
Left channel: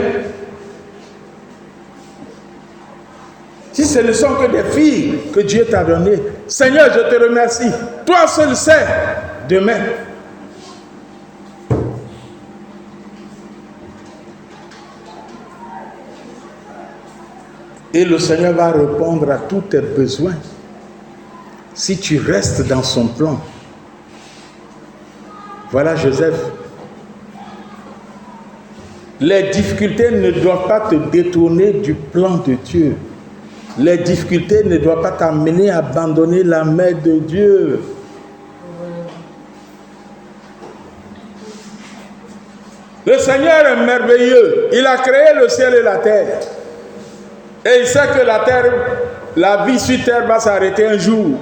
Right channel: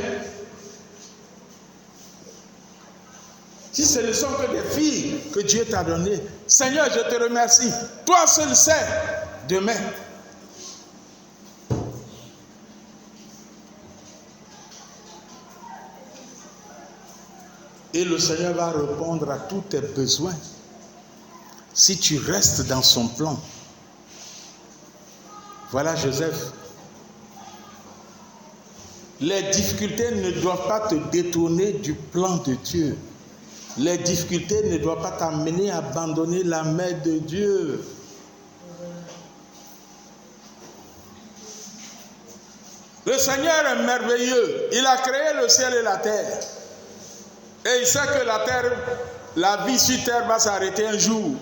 Si ce ne sont que des filles que Dieu t'a données, Seigneur, je te remercie. Toi seul sais demain. Et le Seigneur va répondre à tous tes besoins si tu restes dans son plan. Voilà Joseph. Les difficultés ne doivent pas te détourner du plan de Dieu. Les difficultés ne doivent pas t'amener à abandonner la main de Dieu. Le Seigneur est merveilleux. Il a créé le ciel et la terre. Et il sait que la terre, la vie sur terre va s'arrêter un jour.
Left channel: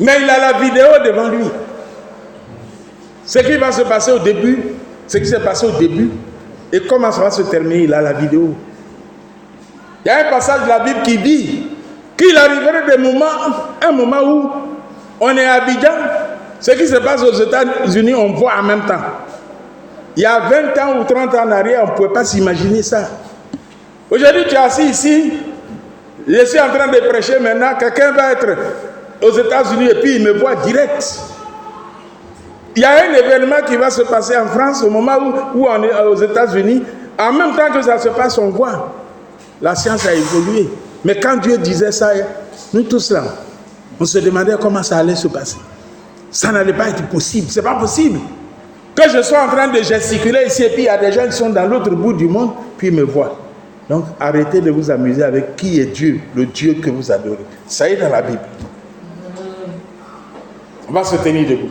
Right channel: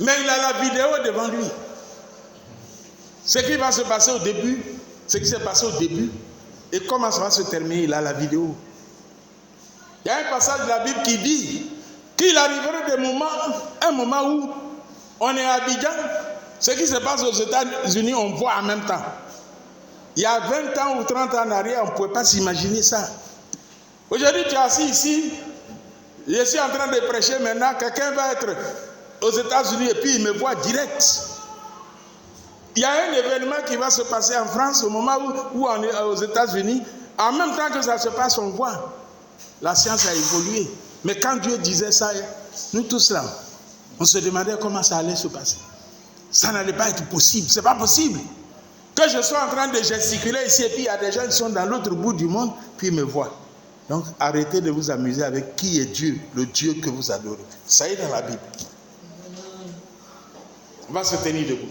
Mais il a la vidéo devant lui. Ce qui va se passer au début, ce qui s'est passé au début, et comment ça va se terminer, il a la vidéo. Il y a un passage de la Bible qui dit qu'il arriverait un moment où on est à Abidjan, ce qui se passe aux États-Unis, on voit en même temps. Il y a 20 ans ou 30 ans en arrière, on ne pouvait pas s'imaginer ça. Aujourd'hui, tu es assis ici, je suis en train de prêcher maintenant, quelqu'un va être aux États-Unis et puis il me voit direct. Il y a un événement qui va se passer en France au moment où on est aux États-Unis. En même temps que ça se passe, on voit. La science a évolué. Mais quand Dieu disait ça, nous tous là, on se demandait comment ça allait se passer. Ça n'allait pas être possible. C'est pas possible. Que je sois en train de gesticuler ici et puis il y a des gens qui sont dans l'autre bout du monde, puis ils me voient. Donc arrêtez de vous amuser avec qui est Dieu, le Dieu que vous adorez. Ça est dans la Bible. On va se tenir debout.